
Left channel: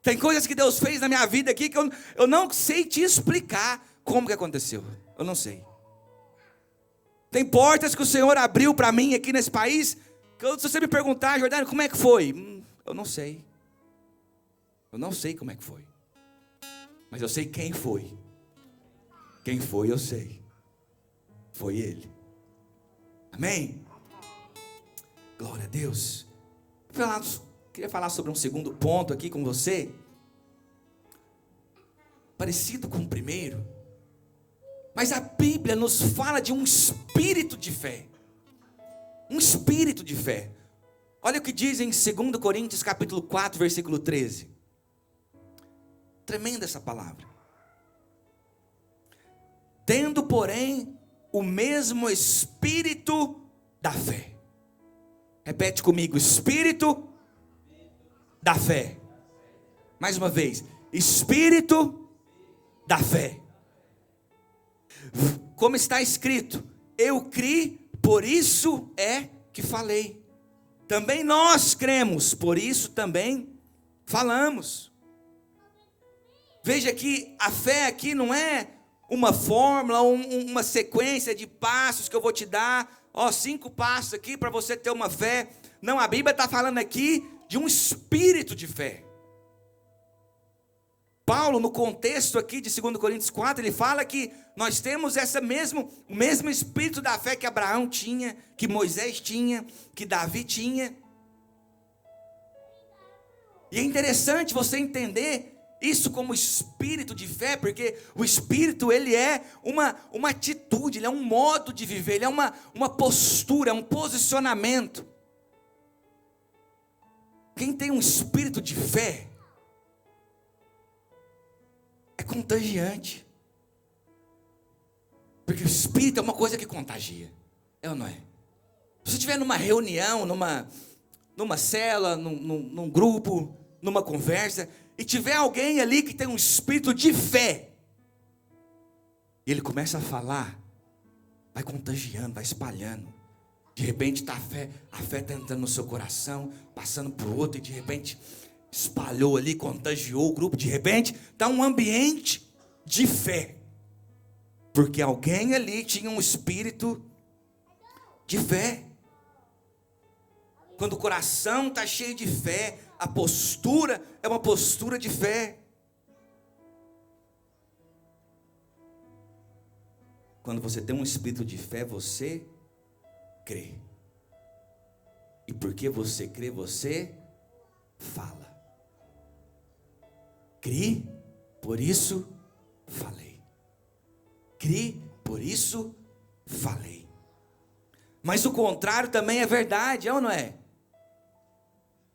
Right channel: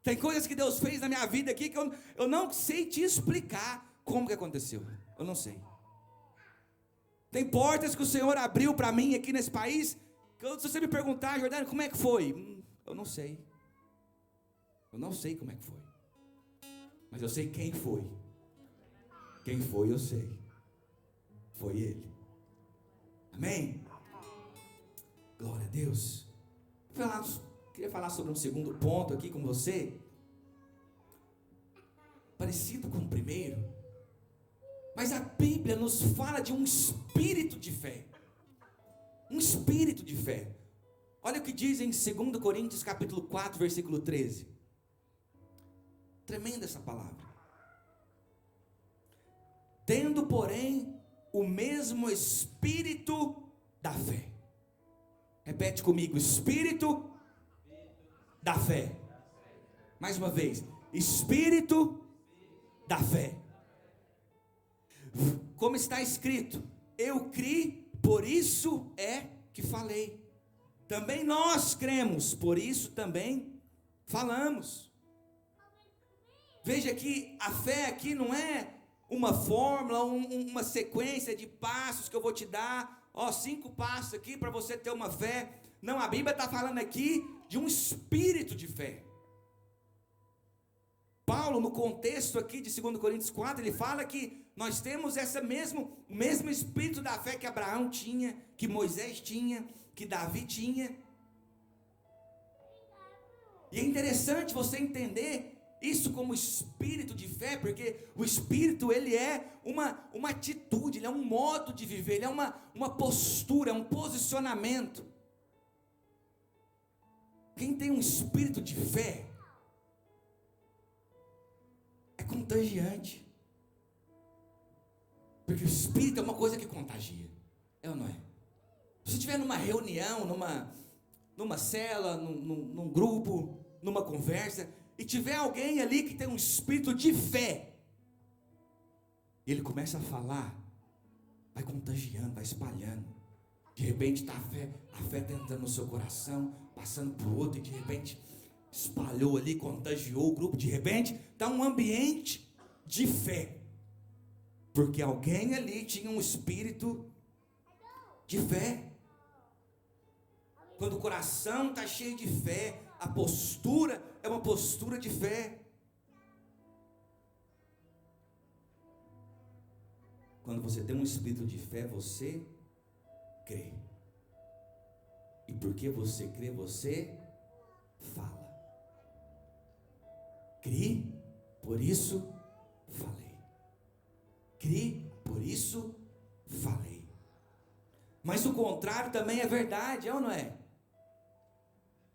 Tem coisas que Deus fez na minha vida aqui que eu não sei te explicar como que aconteceu. Eu não sei. Tem portas que o Senhor abriu para mim aqui nesse país, que se você me perguntar, Jordânia, como é que foi? Eu não sei. Eu não sei como é que foi. Mas eu sei quem foi. Quem foi eu sei. Foi Ele. Amém? Glória a Deus. Queria falar sobre um segundo ponto aqui com você. Parecido com o primeiro. Mas a Bíblia nos fala de um espírito de fé. Um espírito de fé. Olha o que diz em 2 Coríntios capítulo 4, versículo 13. Tremenda essa palavra. Tendo, porém, o mesmo espírito da fé. Repete comigo, espírito da fé. Mais uma vez, espírito da fé. Como está escrito, eu criei, por isso é que falei. Também nós cremos, por isso também falamos. Veja que a fé aqui não é uma fórmula, uma sequência de passos que eu vou te dar, 5 passos aqui para você ter uma fé. Não, a Bíblia está falando aqui de um espírito de fé. Paulo, no contexto aqui de 2 Coríntios 4, ele fala que nós temos o mesmo espírito da fé que Abraão tinha, que Moisés tinha, que Davi tinha. E é interessante você entender isso como espírito de fé, porque o espírito, ele é uma atitude, ele é um modo de viver, ele é uma postura, um posicionamento. Quem tem um espírito de fé é contagiante. Porque o espírito é uma coisa que contagia. É ou não é? Se você estiver numa reunião, numa cela, num grupo, numa conversa, e tiver alguém ali que tem um espírito de fé, e ele começa a falar, vai contagiando, vai espalhando. De repente a fé está entrando no seu coração, passando para o outro, e de repente espalhou ali, contagiou o grupo. De repente está um ambiente de fé, porque alguém ali tinha um espírito de fé. Quando o coração está cheio de fé, a postura é uma postura de fé. Quando você tem um espírito de fé, você crê. E porque você crê, você fala. Crie, por isso falei. Crie, por isso falei. Mas o contrário também é verdade, é ou não é?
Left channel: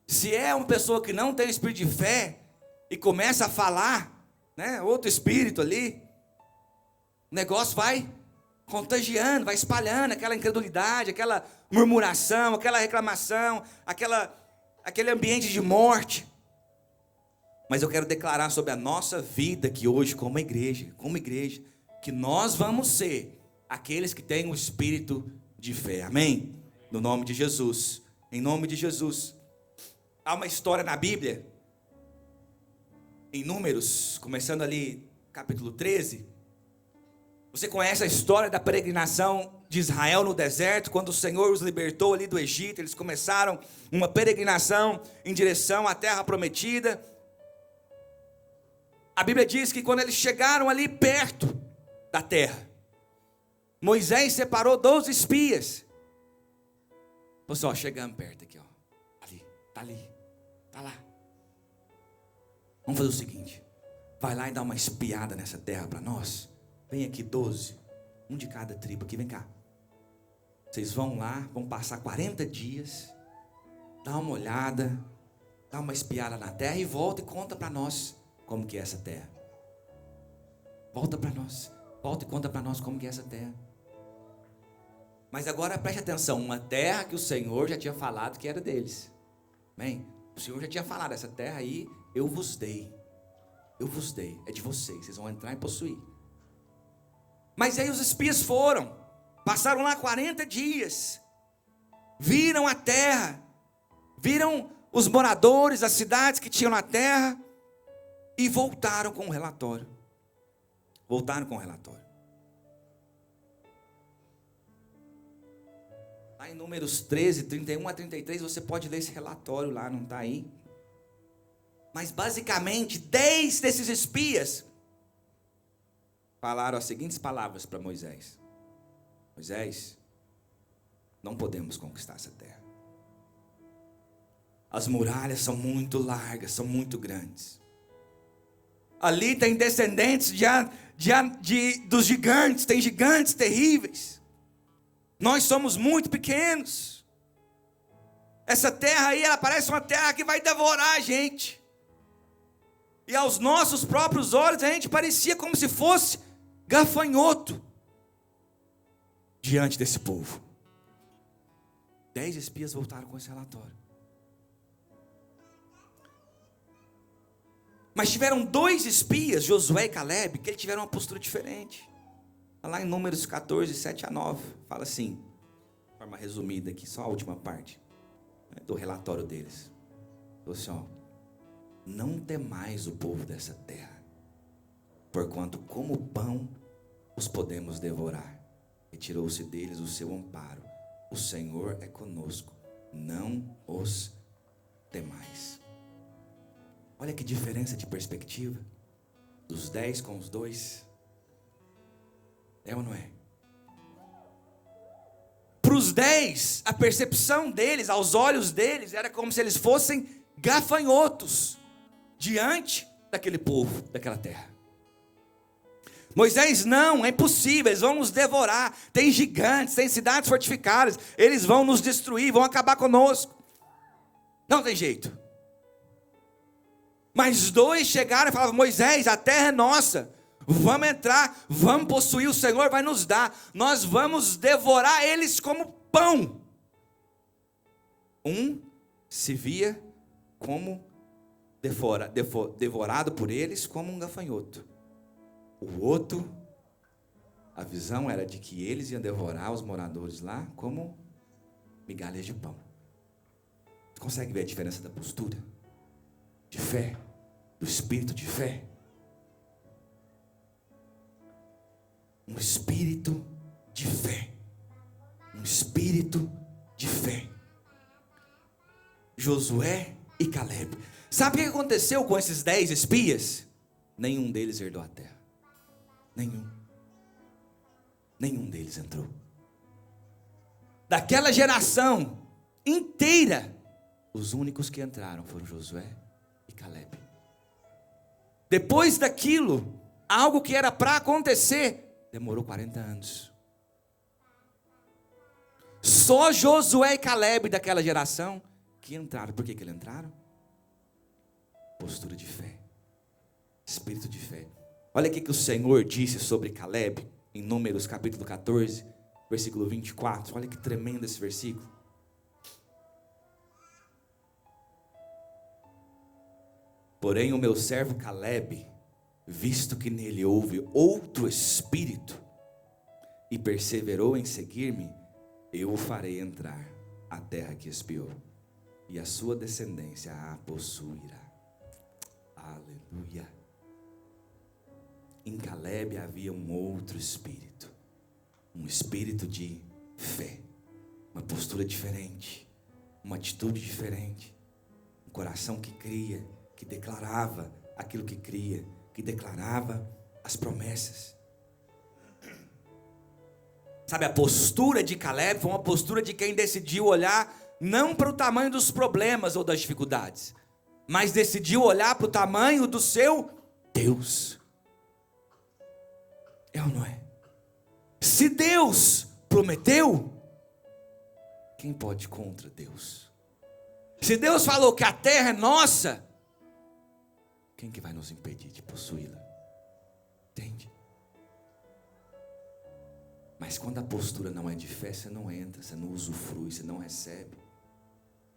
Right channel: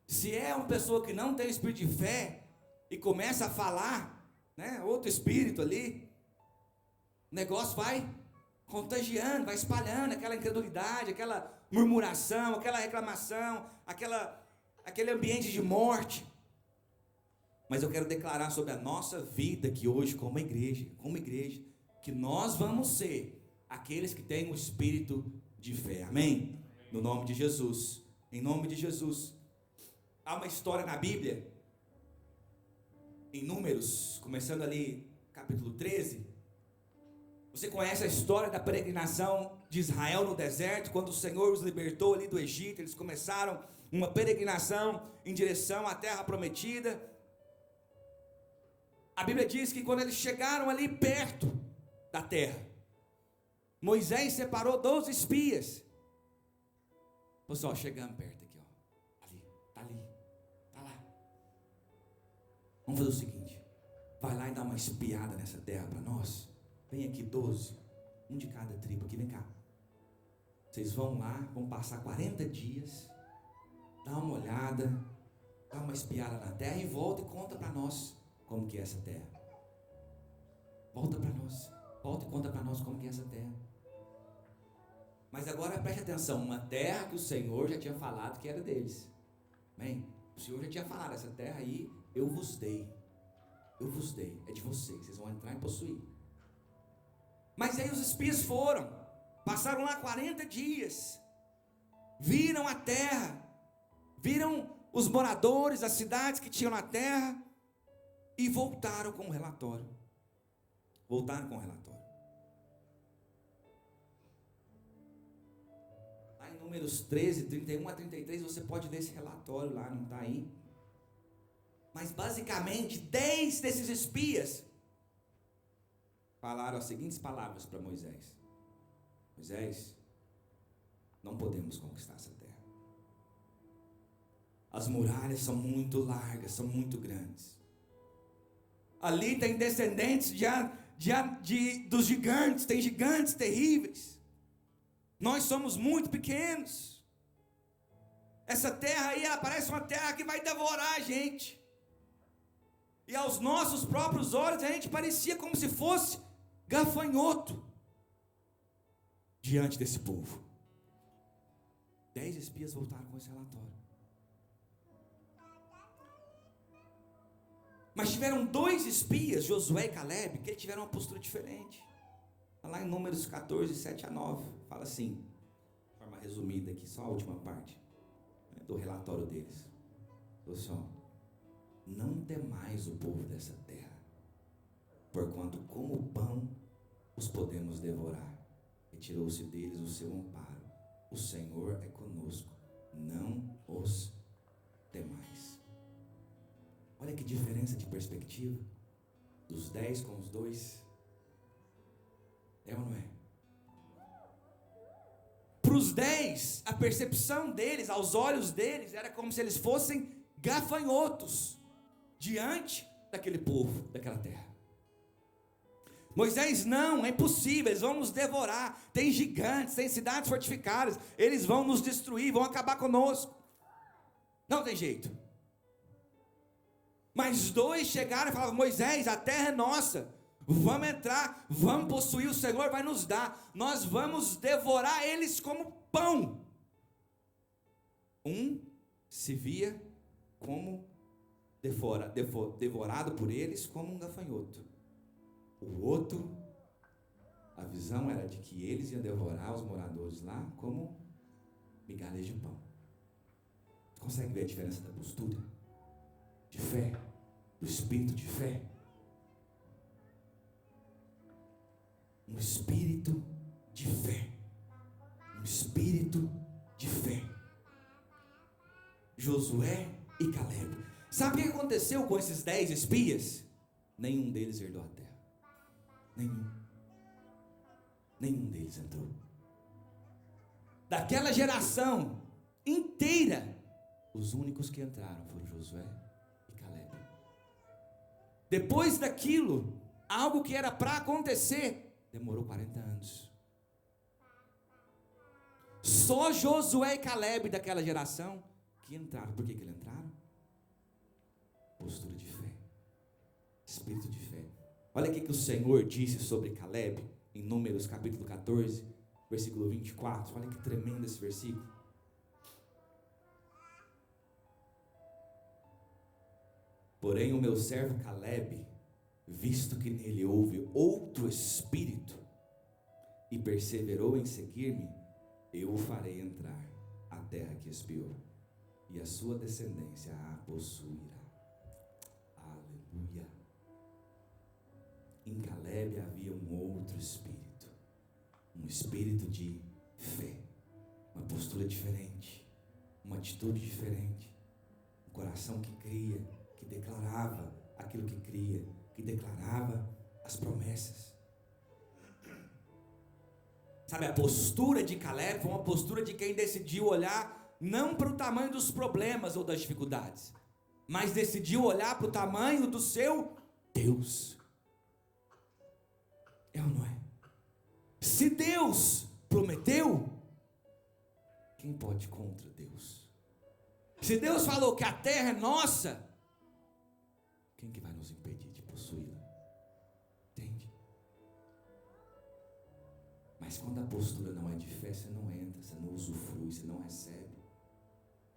Se é uma pessoa que não tem espírito de fé e começa a falar, né, outro espírito ali, o negócio vai contagiando, vai espalhando aquela incredulidade, aquela murmuração, aquela reclamação, aquele ambiente de morte. Mas eu quero declarar sobre a nossa vida aqui hoje como igreja, que nós vamos ser aqueles que têm o espírito de fé. Amém? No nome de Jesus. Em nome de Jesus. Há uma história na Bíblia, em Números, começando ali, capítulo 13. Você conhece a história da peregrinação de Israel no deserto, quando o Senhor os libertou ali do Egito. Eles começaram uma peregrinação em direção à terra prometida. A Bíblia diz que quando eles chegaram ali perto da terra, Moisés separou 12 espias. Pessoal, chegamos perto aqui, ali, tá lá. Vamos fazer o seguinte, vai lá e dá uma espiada nessa terra para nós. Vem aqui 12, um de cada tribo aqui, vem cá. Vocês vão lá, vão passar 40 dias, dá uma olhada, dá uma espiada na terra e volta e conta para nós como que é essa terra. Volta para nós, volta e conta para nós como que é essa terra. Mas agora preste atenção, uma terra que o Senhor já tinha falado que era deles. Amém? O Senhor já tinha falado, essa terra aí eu vos dei, é de vocês, vocês vão entrar e possuir. Mas aí os espias foram, passaram lá 40 dias, viram a terra, viram os moradores, as cidades que tinham na terra, e voltaram com o relatório. Lá em Números 13, 31 a 33, você pode ler esse relatório lá, não está aí? Mas basicamente, 10 desses espias falaram as seguintes palavras para Moisés: Moisés, não podemos conquistar essa terra. As muralhas são muito largas, são muito grandes. Ali tem descendentes dos gigantes, tem gigantes terríveis. Nós somos muito pequenos. Essa terra aí, ela parece uma terra que vai devorar a gente. E aos nossos próprios olhos, a gente parecia como se fosse gafanhoto diante desse povo. 10 espias voltaram com esse relatório. Mas tiveram 2 espias, Josué e Caleb, que eles tiveram uma postura diferente. Lá em Números 14, 7 a 9, fala assim, de forma resumida aqui, só a última parte do relatório deles. Falou assim, ó: não temais o povo dessa terra, porquanto como pão os podemos devorar. Retirou-se deles o seu amparo. O Senhor é conosco, não os temais. Olha que diferença de perspectiva dos 10 com os 2. É ou não é? Para os 10, a percepção deles, aos olhos deles, era como se eles fossem gafanhotos diante daquele povo, daquela terra. Moisés, não, é impossível, eles vão nos devorar. Tem gigantes, tem cidades fortificadas, eles vão nos destruir, vão acabar conosco. Não tem jeito. Mas 2 chegaram e falavam: Moisés, a terra é nossa, vamos entrar, vamos possuir, o Senhor vai nos dar, nós vamos devorar eles como pão. Um se via como devorado por eles como um gafanhoto. O outro, a visão era de que eles iam devorar os moradores lá como migalhas de pão. Você consegue ver a diferença da postura? De fé, do espírito de fé. Um espírito de fé. Um espírito de fé. Josué e Caleb. Sabe o que aconteceu com esses 10 espias? Nenhum deles herdou a terra. Nenhum deles entrou. Daquela geração inteira, os únicos que entraram foram Josué e Caleb. Depois daquilo, algo que era para acontecer, demorou 40 anos. Só Josué e Caleb daquela geração que entraram. Por que eles entraram? Postura de fé, espírito de fé. Olha o que o Senhor disse sobre Caleb em Números capítulo 14, versículo 24. Olha que tremendo esse versículo. Porém o meu servo Caleb, visto que nele houve outro espírito e perseverou em seguir-me, eu o farei entrar à terra que espiou, e a sua descendência a possuirá. Aleluia. Em Caleb havia um outro espírito, um espírito de fé, uma postura diferente, uma atitude diferente, um coração que cria, que declarava aquilo que cria, que declarava as promessas. Sabe, a postura de Caleb foi uma postura de quem decidiu olhar não para o tamanho dos problemas ou das dificuldades, mas decidiu olhar para o tamanho do seu Deus. É ou não é? Se Deus prometeu, quem pode contra Deus? Se Deus falou que a terra é nossa, quem que vai nos impedir de possuí-la? Entende? Mas quando a postura não é de fé, você não entra, você não usufrui, você não recebe.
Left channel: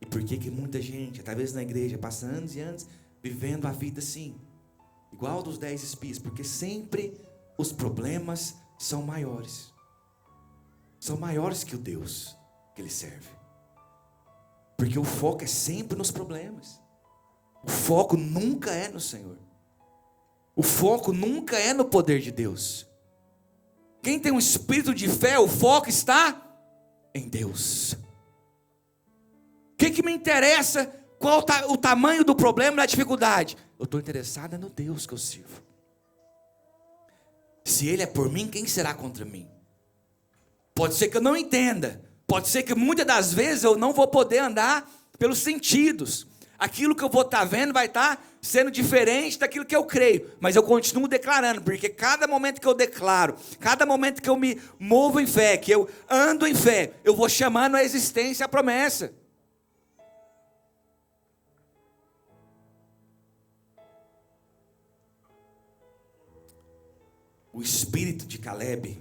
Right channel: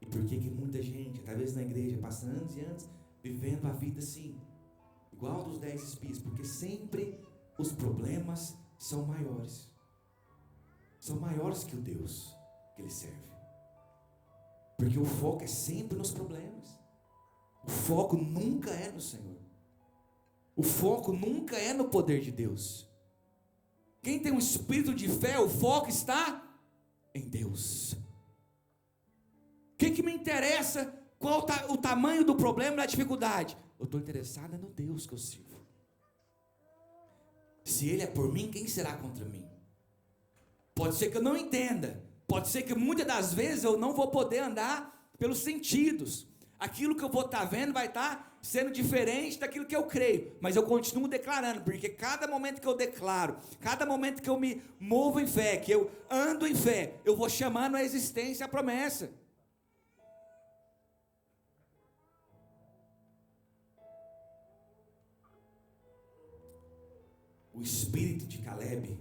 E por que muita gente, talvez na igreja, passa anos e anos vivendo a vida assim, igual dos 10 espias? Porque sempre os problemas são maiores. São maiores que o Deus que ele serve. Porque o foco é sempre nos problemas. O foco nunca é no Senhor. O foco nunca é no poder de Deus. Quem tem um espírito de fé, o foco está em Deus. O que me interessa? Qual o tamanho do problema, da dificuldade? Eu estou interessado no Deus que eu sirvo. Se Ele é por mim, quem será contra mim? Pode ser que eu não entenda. Pode ser que muitas das vezes eu não vou poder andar pelos sentidos. Aquilo que eu vou estar vendo vai estar sendo diferente daquilo que eu creio. Mas eu continuo declarando, porque cada momento que eu declaro, cada momento que eu me movo em fé, que eu ando em fé, eu vou chamando a existência a promessa. O espírito de Caleb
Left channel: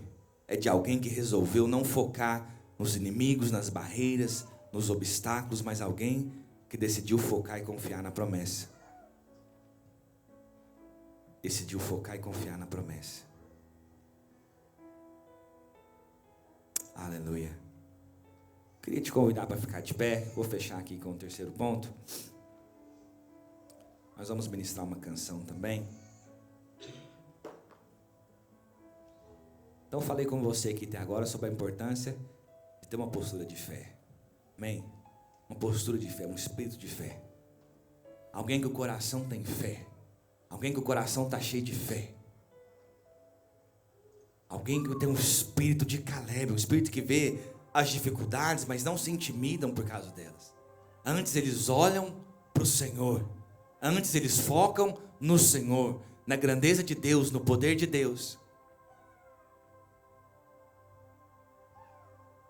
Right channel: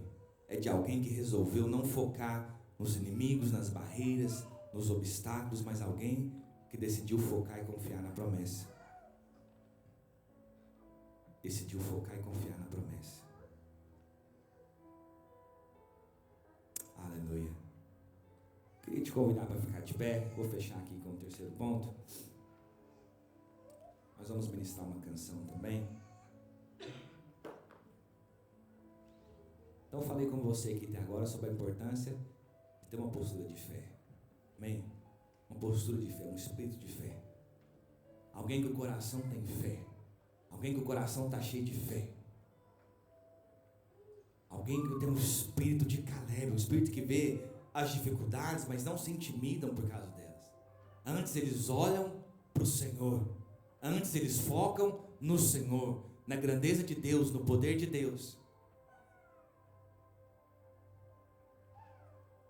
é de alguém que resolveu não focar nos inimigos, nas barreiras, nos obstáculos, mas alguém que decidiu focar e confiar na promessa. Decidiu focar e confiar na promessa. Aleluia. Queria te convidar para ficar de pé. Vou fechar aqui com o terceiro ponto. Nós vamos ministrar uma canção também. Então falei com você aqui até agora sobre a importância de ter uma postura de fé. Amém? Uma postura de fé, um espírito de fé. Alguém que o coração tem fé. Alguém que o coração está cheio de fé. Alguém que tem um espírito de Caleb, um espírito que vê as dificuldades, mas não se intimidam por causa delas. Antes eles olham para o Senhor. Antes eles focam no Senhor, na grandeza de Deus, no poder de Deus.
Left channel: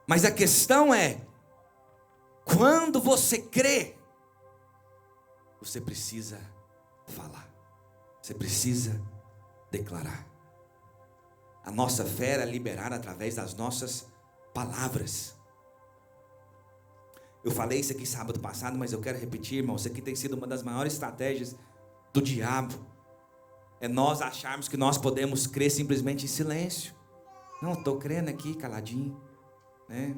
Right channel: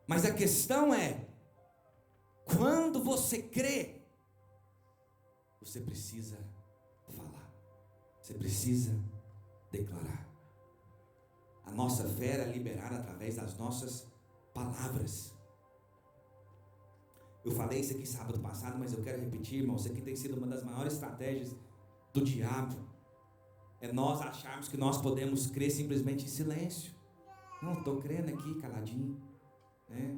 Mas a questão é, quando você crê, você precisa falar. Você precisa declarar. A nossa fé é liberada através das nossas palavras. Eu falei isso aqui sábado passado, mas eu quero repetir, irmão. Isso aqui tem sido uma das maiores estratégias do diabo. É nós acharmos que nós podemos crer simplesmente em silêncio. Não, estou crendo aqui caladinho, né?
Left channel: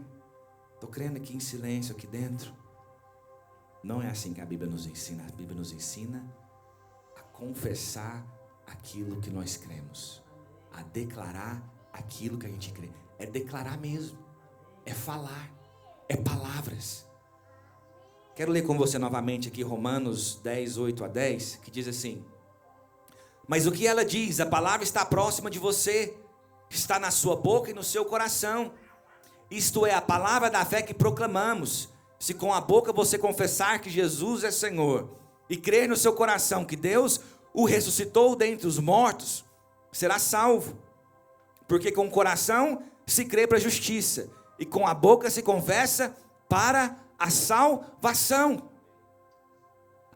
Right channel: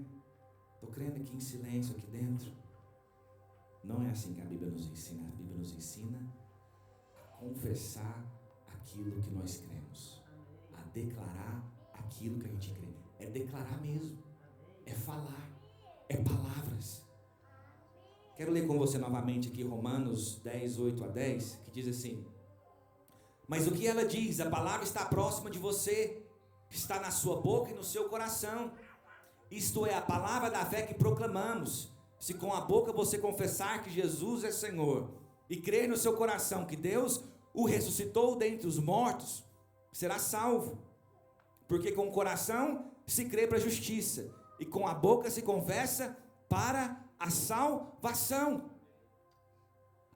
Estou crendo aqui em silêncio aqui dentro. Não é assim que a Bíblia nos ensina. A Bíblia nos ensina a confessar aquilo que nós cremos, a declarar aquilo que a gente crê. É declarar mesmo, é falar, é palavras. Quero ler com você novamente aqui Romanos 10, 8 a 10, que diz assim: mas o que ela diz? A palavra está próxima de você, está na sua boca e no seu coração. Isto é a palavra da fé que proclamamos. Se com a boca você confessar que Jesus é Senhor e crer no seu coração que Deus o ressuscitou dentre os mortos, será salvo. Porque com o coração se crê para a justiça e com a boca se confessa para a salvação.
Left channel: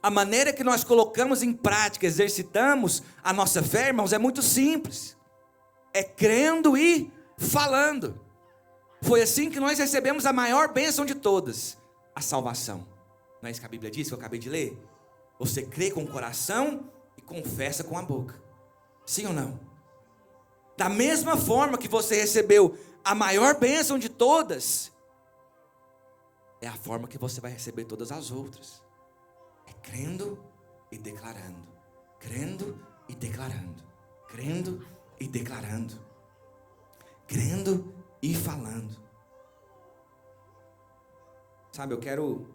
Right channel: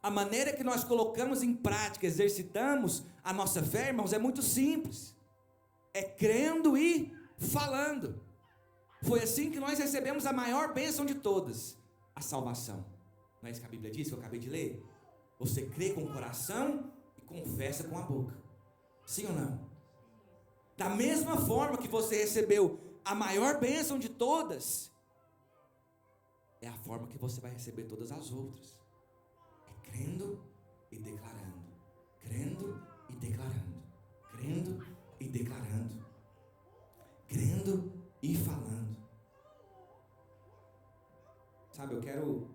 A maneira que nós colocamos em prática, exercitamos a nossa fé, irmãos, é muito simples. É crendo e falando. Foi assim que nós recebemos a maior bênção de todas, a salvação. Não é isso que a Bíblia diz, que eu acabei de ler? Você crê com o coração e confessa com a boca. Sim ou não? Da mesma forma que você recebeu a maior bênção de todas, é a forma que você vai receber todas as outras. É crendo e declarando. Crendo e declarando. Crendo e declarando. Crendo e falando. Sabe, eu quero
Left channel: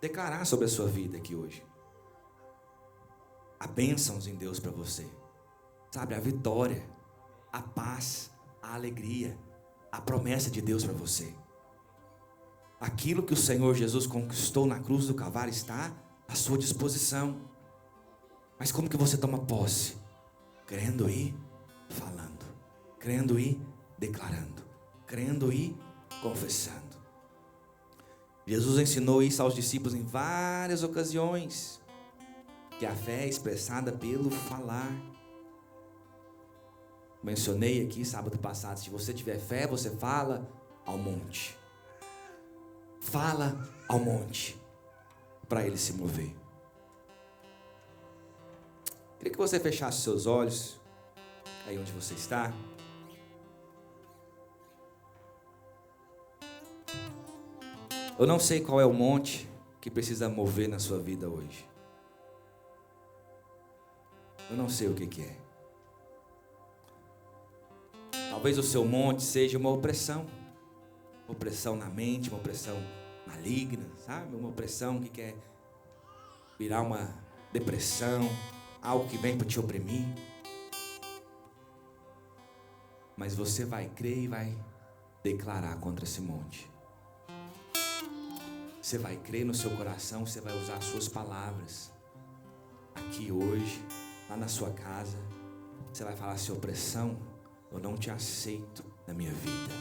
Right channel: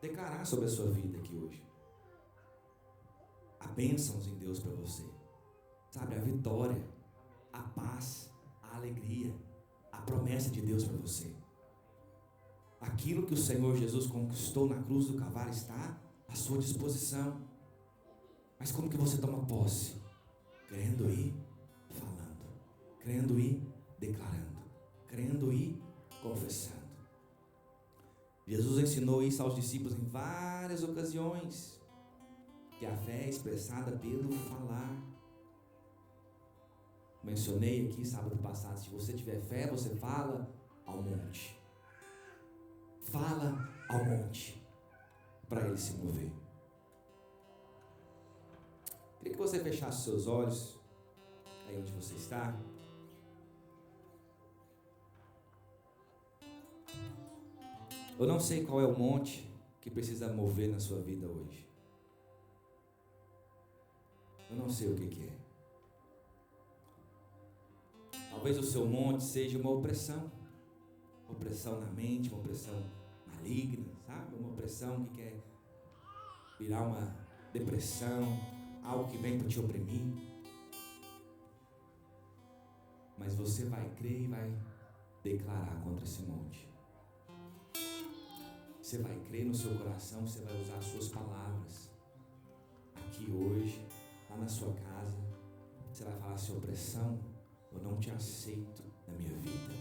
declarar sobre a sua vida aqui hoje. Há bênçãos em Deus para você. Sabe, a vitória, a paz, a alegria, a promessa de Deus para você. Aquilo que o Senhor Jesus conquistou na cruz do Calvário está à sua disposição. Mas como que você toma posse? Crendo e falando, crendo e declarando, crendo e confessando. Jesus ensinou isso aos discípulos em várias ocasiões, que a fé é expressada pelo falar. Mencionei aqui sábado passado, se você tiver fé, você fala ao monte. Fala ao monte, para ele se mover. Queria que você fechasse seus olhos, aí onde você está. Eu não sei qual é o monte que precisa mover na sua vida hoje. Eu não sei o que é. Talvez o seu monte seja uma opressão na mente, uma opressão maligna, sabe? Uma opressão que quer virar uma depressão, algo que vem para te oprimir. Mas você vai crer e vai declarar contra esse monte. Você vai crer no seu coração, você vai usar as suas palavras. Aqui hoje, lá na sua casa, você vai falar assim: opressão, eu não te aceito na minha vida.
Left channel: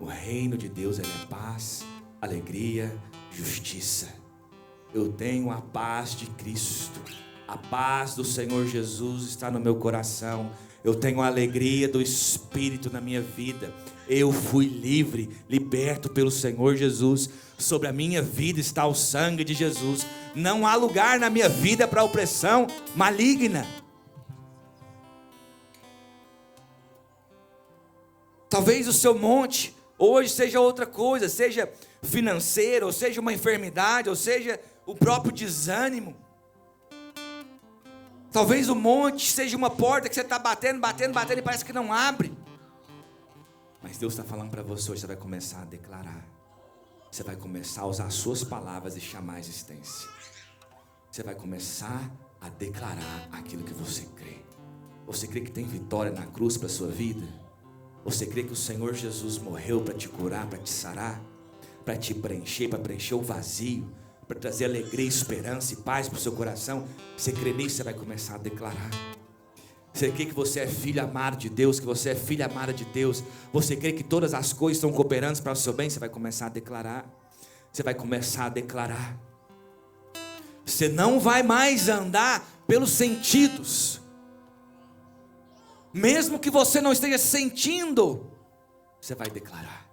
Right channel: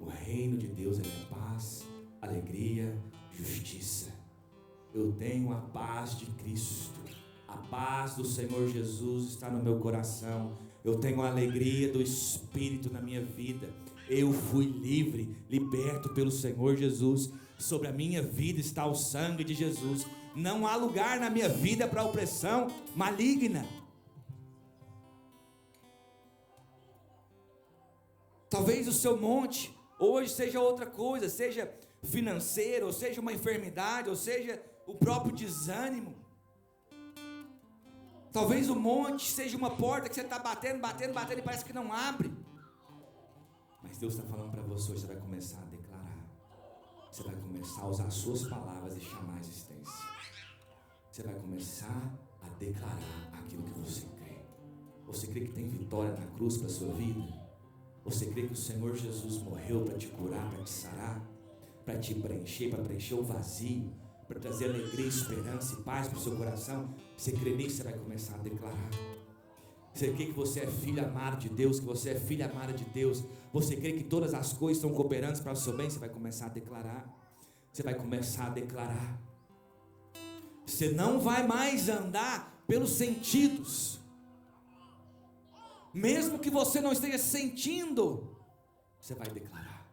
O reino de Deus é paz, alegria, justiça. Eu tenho a paz de Cristo. A paz do Senhor Jesus está no meu coração. Eu tenho a alegria do Espírito na minha vida. Eu fui livre, liberto pelo Senhor Jesus. Sobre a minha vida está o sangue de Jesus. Não há lugar na minha vida para opressão maligna. Talvez o seu monte hoje seja outra coisa, seja financeiro, ou seja uma enfermidade, ou seja o próprio desânimo. Talvez o monte seja uma porta que você está batendo e parece que não abre. Mas Deus está falando para você hoje, você vai começar a declarar. Você vai começar a usar as suas palavras e chamar a existência. Você vai começar a declarar aquilo que você crê. Você crê que tem vitória na cruz para a sua vida? Você crê que o Senhor Jesus morreu para te curar, para te sarar, para te preencher, para preencher o vazio, para trazer alegria, esperança e paz para o seu coração? Você crê nisso, você vai começar a declarar. Você crê que você é filho amado de Deus, que você é filha amada de Deus? Você crê que todas as coisas estão cooperando para o seu bem? Você vai começar a declarar. Você vai começar a declarar. Você não vai mais andar pelos sentidos. Mesmo que você não esteja sentindo, você vai declarar.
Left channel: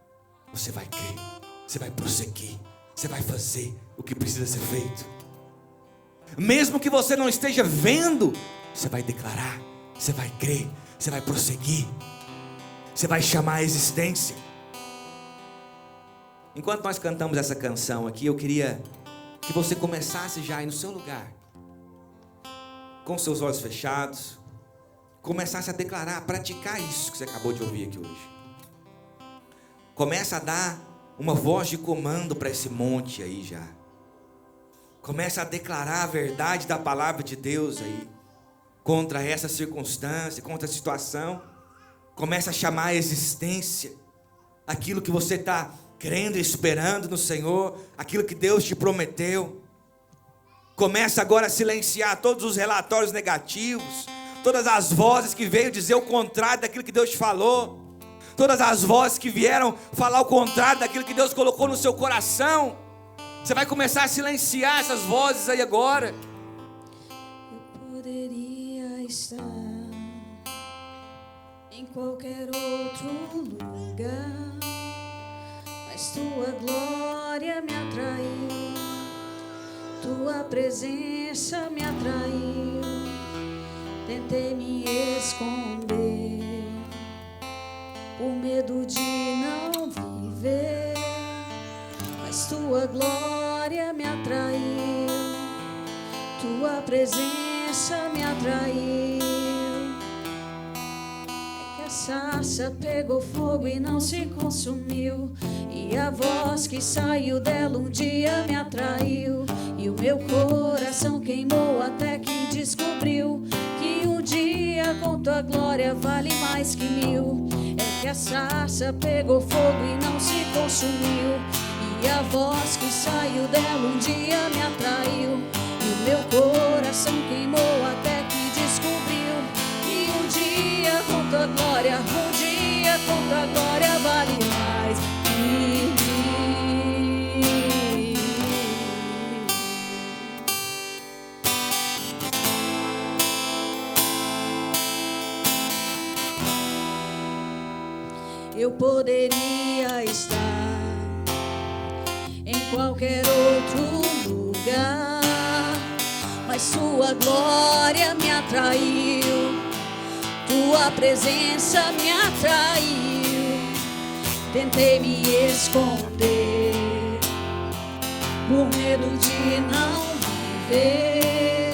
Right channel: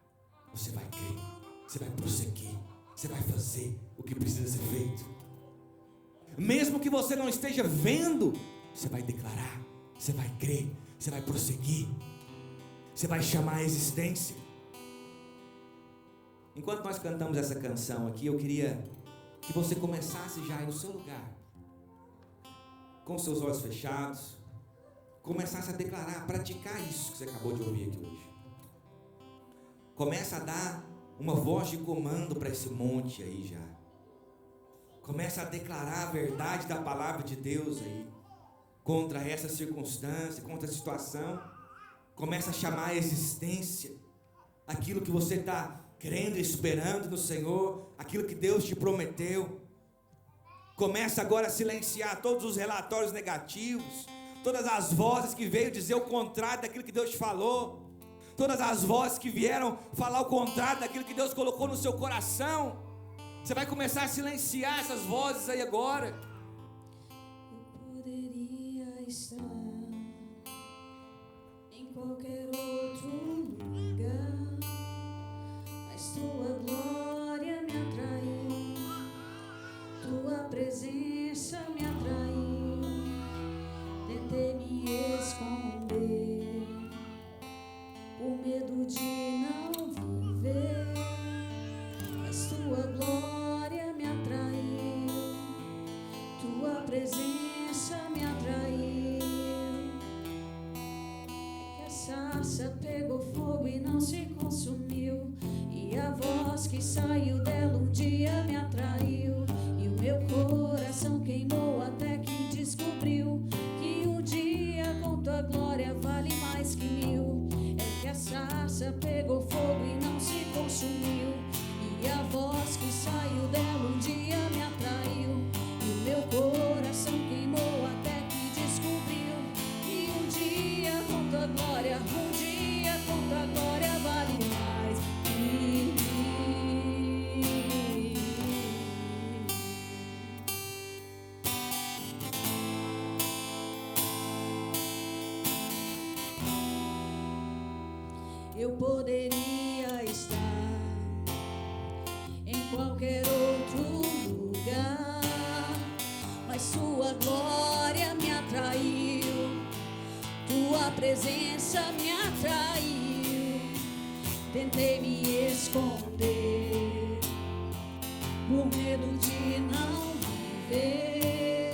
Você vai crer. Você vai prosseguir. Você vai fazer o que precisa ser feito. Mesmo que você não esteja vendo, você vai declarar. Você vai crer, você vai prosseguir, você vai chamar a existência. Enquanto nós cantamos essa canção aqui, eu queria que você começasse já aí no seu lugar, com seus olhos fechados, começasse a declarar, a praticar isso que você acabou de ouvir aqui hoje. Começa a dar uma voz de comando para esse monte aí já. Começa a declarar a verdade da palavra de Deus aí. Contra essa circunstância, contra a situação. Começa a chamar a existência aquilo que você está crendo e esperando no Senhor, aquilo que Deus te prometeu. Começa agora a silenciar todos os relatórios negativos, todas as vozes que veio dizer o contrário daquilo que Deus te falou, todas as vozes que vieram falar o contrário daquilo que Deus colocou no seu coração. Você vai começar a silenciar essas vozes aí agora. Estar em qualquer outro lugar, mas tua glória me atraiu, tua presença me atraiu. Tentei me esconder, o medo de não viver, mas tua glória me atraiu, tua presença me atraiu. É que a sarça pegou fogo e não se consumiu, e a voz que saiu dela um dia me atraiu, e o meu coração queimou até que descobriu que um dia com tua glória vale mais que 1000. É que a sarça pegou fogo e não se consumiu, e a voz que saiu dela um dia me atraiu, e o meu coração queimou até que descobriu que um dia eu poderia estar em qualquer outro lugar, mas sua glória me atraiu, tua presença me atraiu. Tentei me esconder por medo de não viver,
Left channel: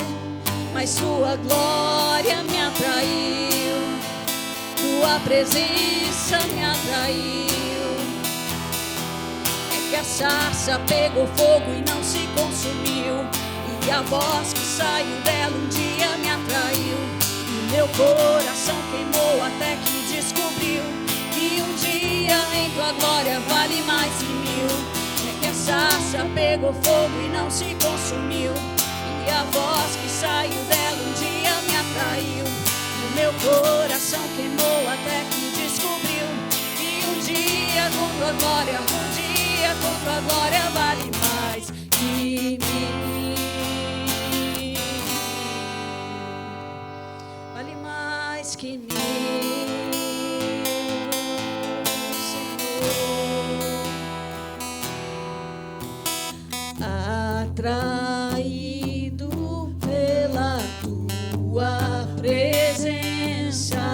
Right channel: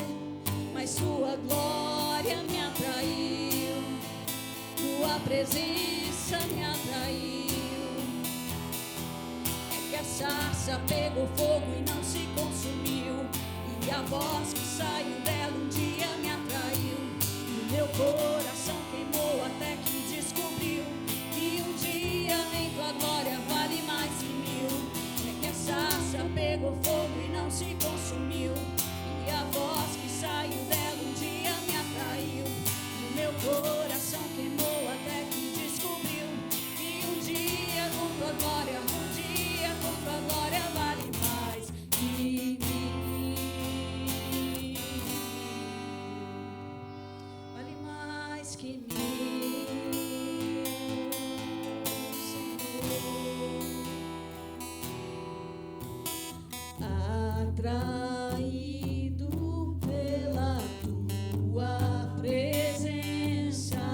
mas sua glória me atraiu, tua presença me atraiu. É que a sarça pegou fogo e não se consumiu, e a voz que saiu dela um dia me atraiu, e meu coração queimou até que descobriu que um dia em tua glória vale mais que mil. É que a sarça pegou fogo e não se consumiu, e a voz que saiu dela um dia me atraiu, e meu coração queimou até que descobriu que um dia com tua glória, um dia com tua glória vale mais que mil. Vale mais que mil, Senhor. Atraído pela tua presença,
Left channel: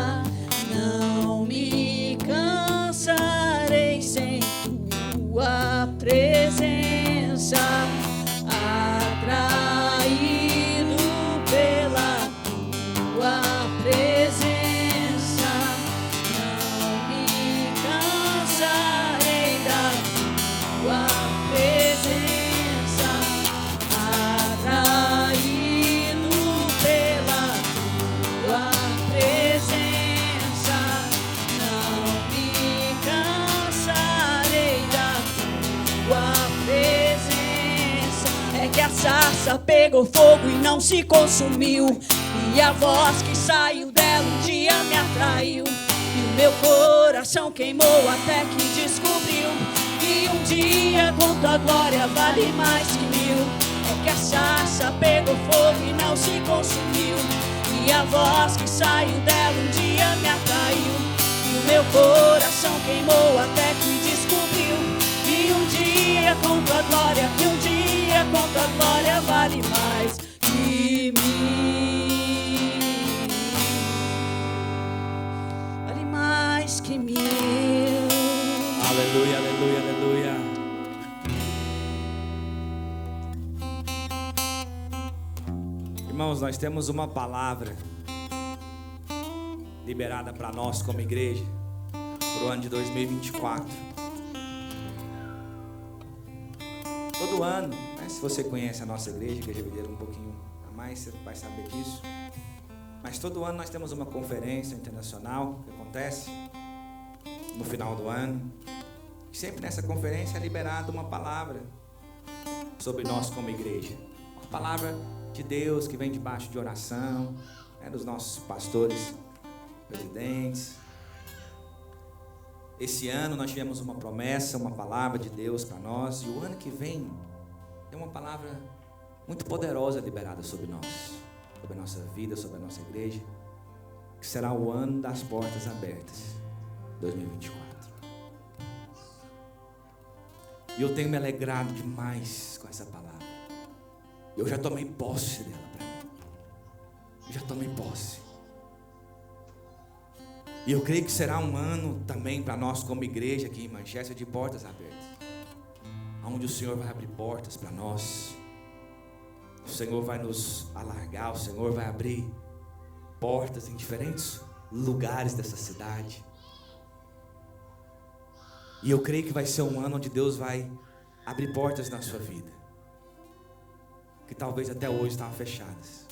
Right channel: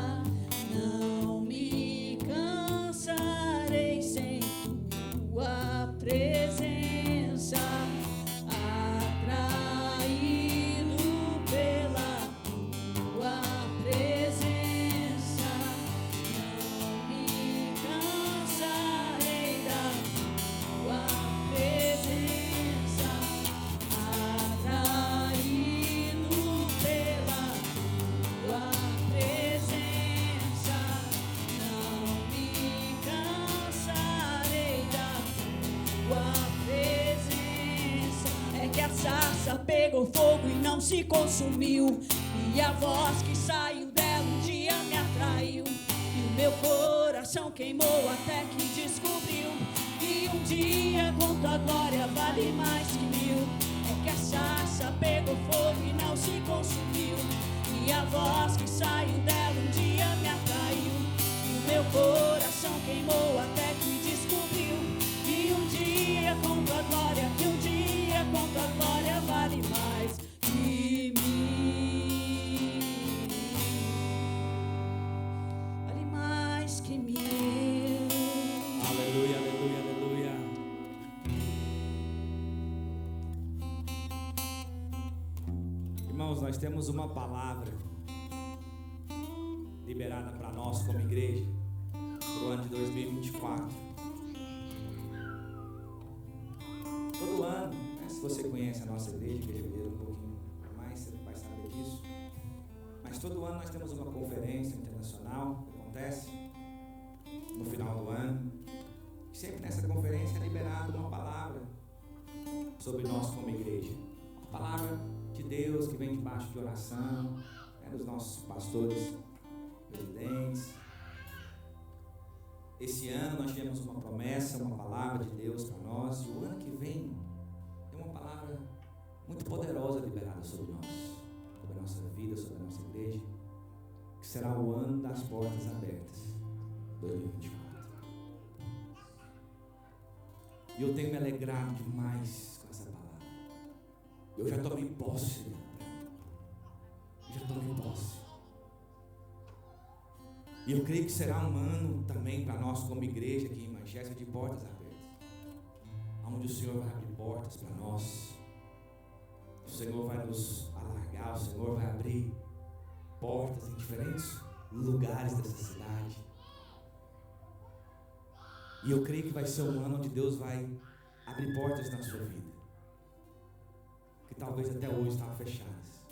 não me cansarei sem tua presença. Atraído pela tua presença, não me cansarei da tua presença. Atraído pela tua presença, não me cansarei da tua presença. É que a sarça pegou fogo e não se consumiu, e a voz que saiu dela um dia me atraiu, e o meu coração queimou até que descobriu que um dia com tua glória vale mais que mil. É que a sarça pegou fogo e não se consumiu, e a voz que saiu dela um dia me atraiu, e o meu coração queimou até que descobriu que um dia com tua glória, que um dia com tua glória vale mais que mil. Vale mais que mil. Aleluia, aleluia, aleluia. Irmãos, nós temos uma palavra liberada para nós como igreja para o ano de 2024. Todo ano, né, se você conhece a nossa igreja, Igreja Videira um pouquinho a mais, você vai saber disso. Mas todo ano nós temos uma conferência internacional que acontece no final do ano. E sempre nessa conferência é liberada uma palavra sobre nós como igreja. Uma palavra de Deus que vem debaixo de oração, né, dos nossos pastores, presidentes. Esse ano nós tivemos uma promessa, uma palavra de Deus para nós, e o ano que vem tem uma palavra muito poderosa liberada sobre nós, sobre a nossa vida, sobre a nossa igreja, que será o ano das portas abertas, 2024. E eu tenho me alegrado demais com essa palavra. Eu já tomei posse dela para mim. Eu já tomei posse. E eu creio que será um ano também para nós como igreja aqui em Manchester de portas abertas, onde o Senhor vai abrir portas para nós. O Senhor vai nos alargar, o Senhor vai abrir portas em diferentes lugares dessa cidade. E eu creio que vai ser um ano onde Deus vai abrir portas na sua vida, que talvez até hoje estavam fechadas.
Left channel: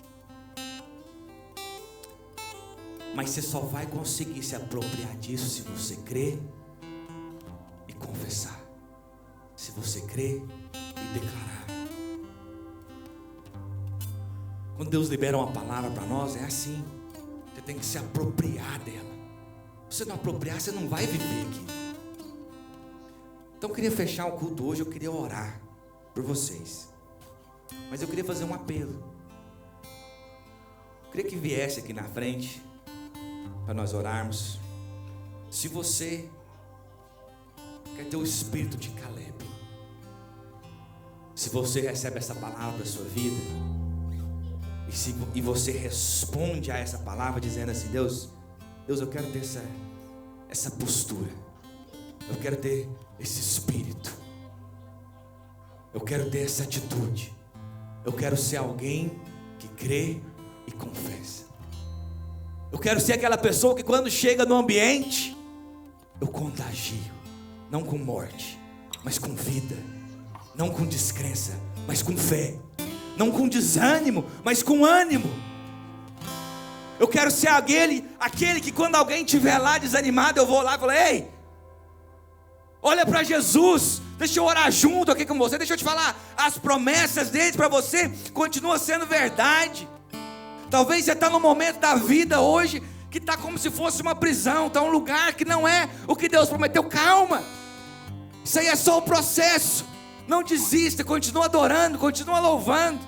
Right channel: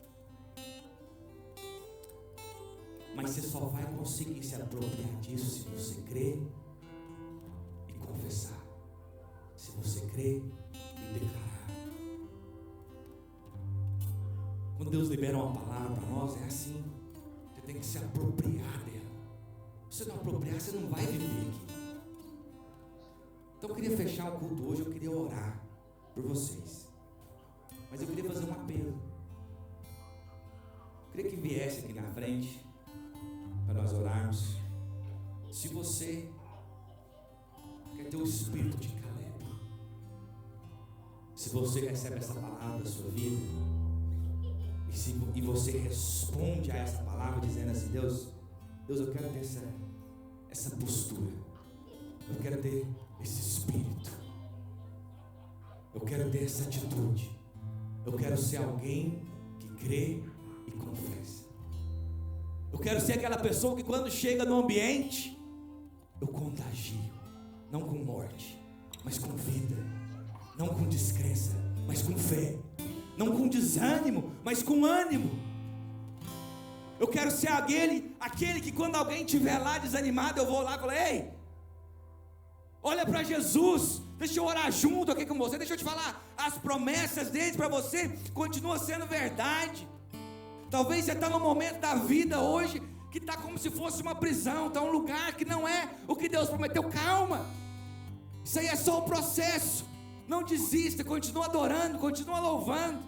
Mas você só vai conseguir se apropriar disso se você crer e confessar. Se você crer e declarar. Quando Deus libera uma palavra para nós, é assim. Você tem que se apropriar dela. Se você não apropriar, você não vai viver aqui. Então eu queria fechar o culto hoje, eu queria orar por vocês. Mas eu queria fazer um apelo. Eu queria que viesse aqui na frente para nós orarmos. Se você quero ter o espírito de Caleb. Se você recebe essa palavra da sua vida, e você responde a essa palavra dizendo assim: Deus, eu quero ter essa postura, eu quero ter esse espírito, eu quero ter essa atitude, eu quero ser alguém que crê e confessa. Eu quero ser aquela pessoa que quando chega no ambiente, eu contagio, não com morte, mas com vida, não com descrença, mas com fé, não com desânimo, mas com ânimo. Eu quero ser aquele que quando alguém estiver lá desanimado, eu vou lá e falo: ei, olha para Jesus, deixa eu orar junto aqui com você, deixa eu te falar, as promessas dele para você continuam sendo verdade. Talvez você está num momento da vida hoje que está como se fosse uma prisão, está um lugar que não é o que Deus prometeu. Calma, isso aí é só um processo. Não desista, continua adorando, continua louvando,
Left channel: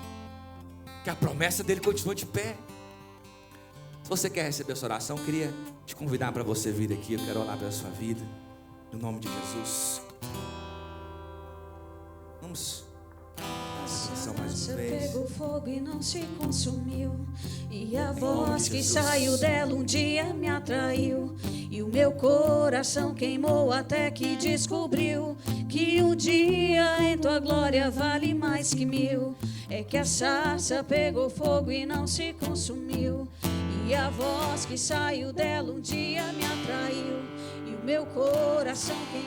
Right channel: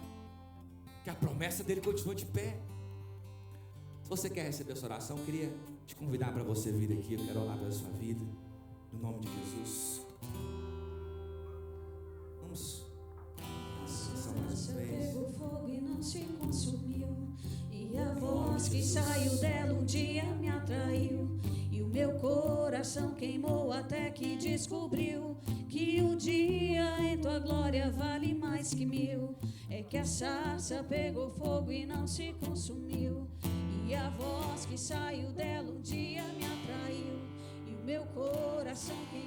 que a promessa dele continua de pé. Se você quer receber essa oração, eu queria te convidar para você vir aqui. Eu quero orar pela sua vida, no nome de Jesus. Vamos. A pegou fogo e não se consumiu, e a voz que saiu dela um dia me atraiu, e o meu coração queimou até que descobriu que um dia em tua glória vale mais que 1000. É que a sarça pegou fogo e não se consumiu, e a voz que saiu dela um dia me atraiu, e o meu coração queimou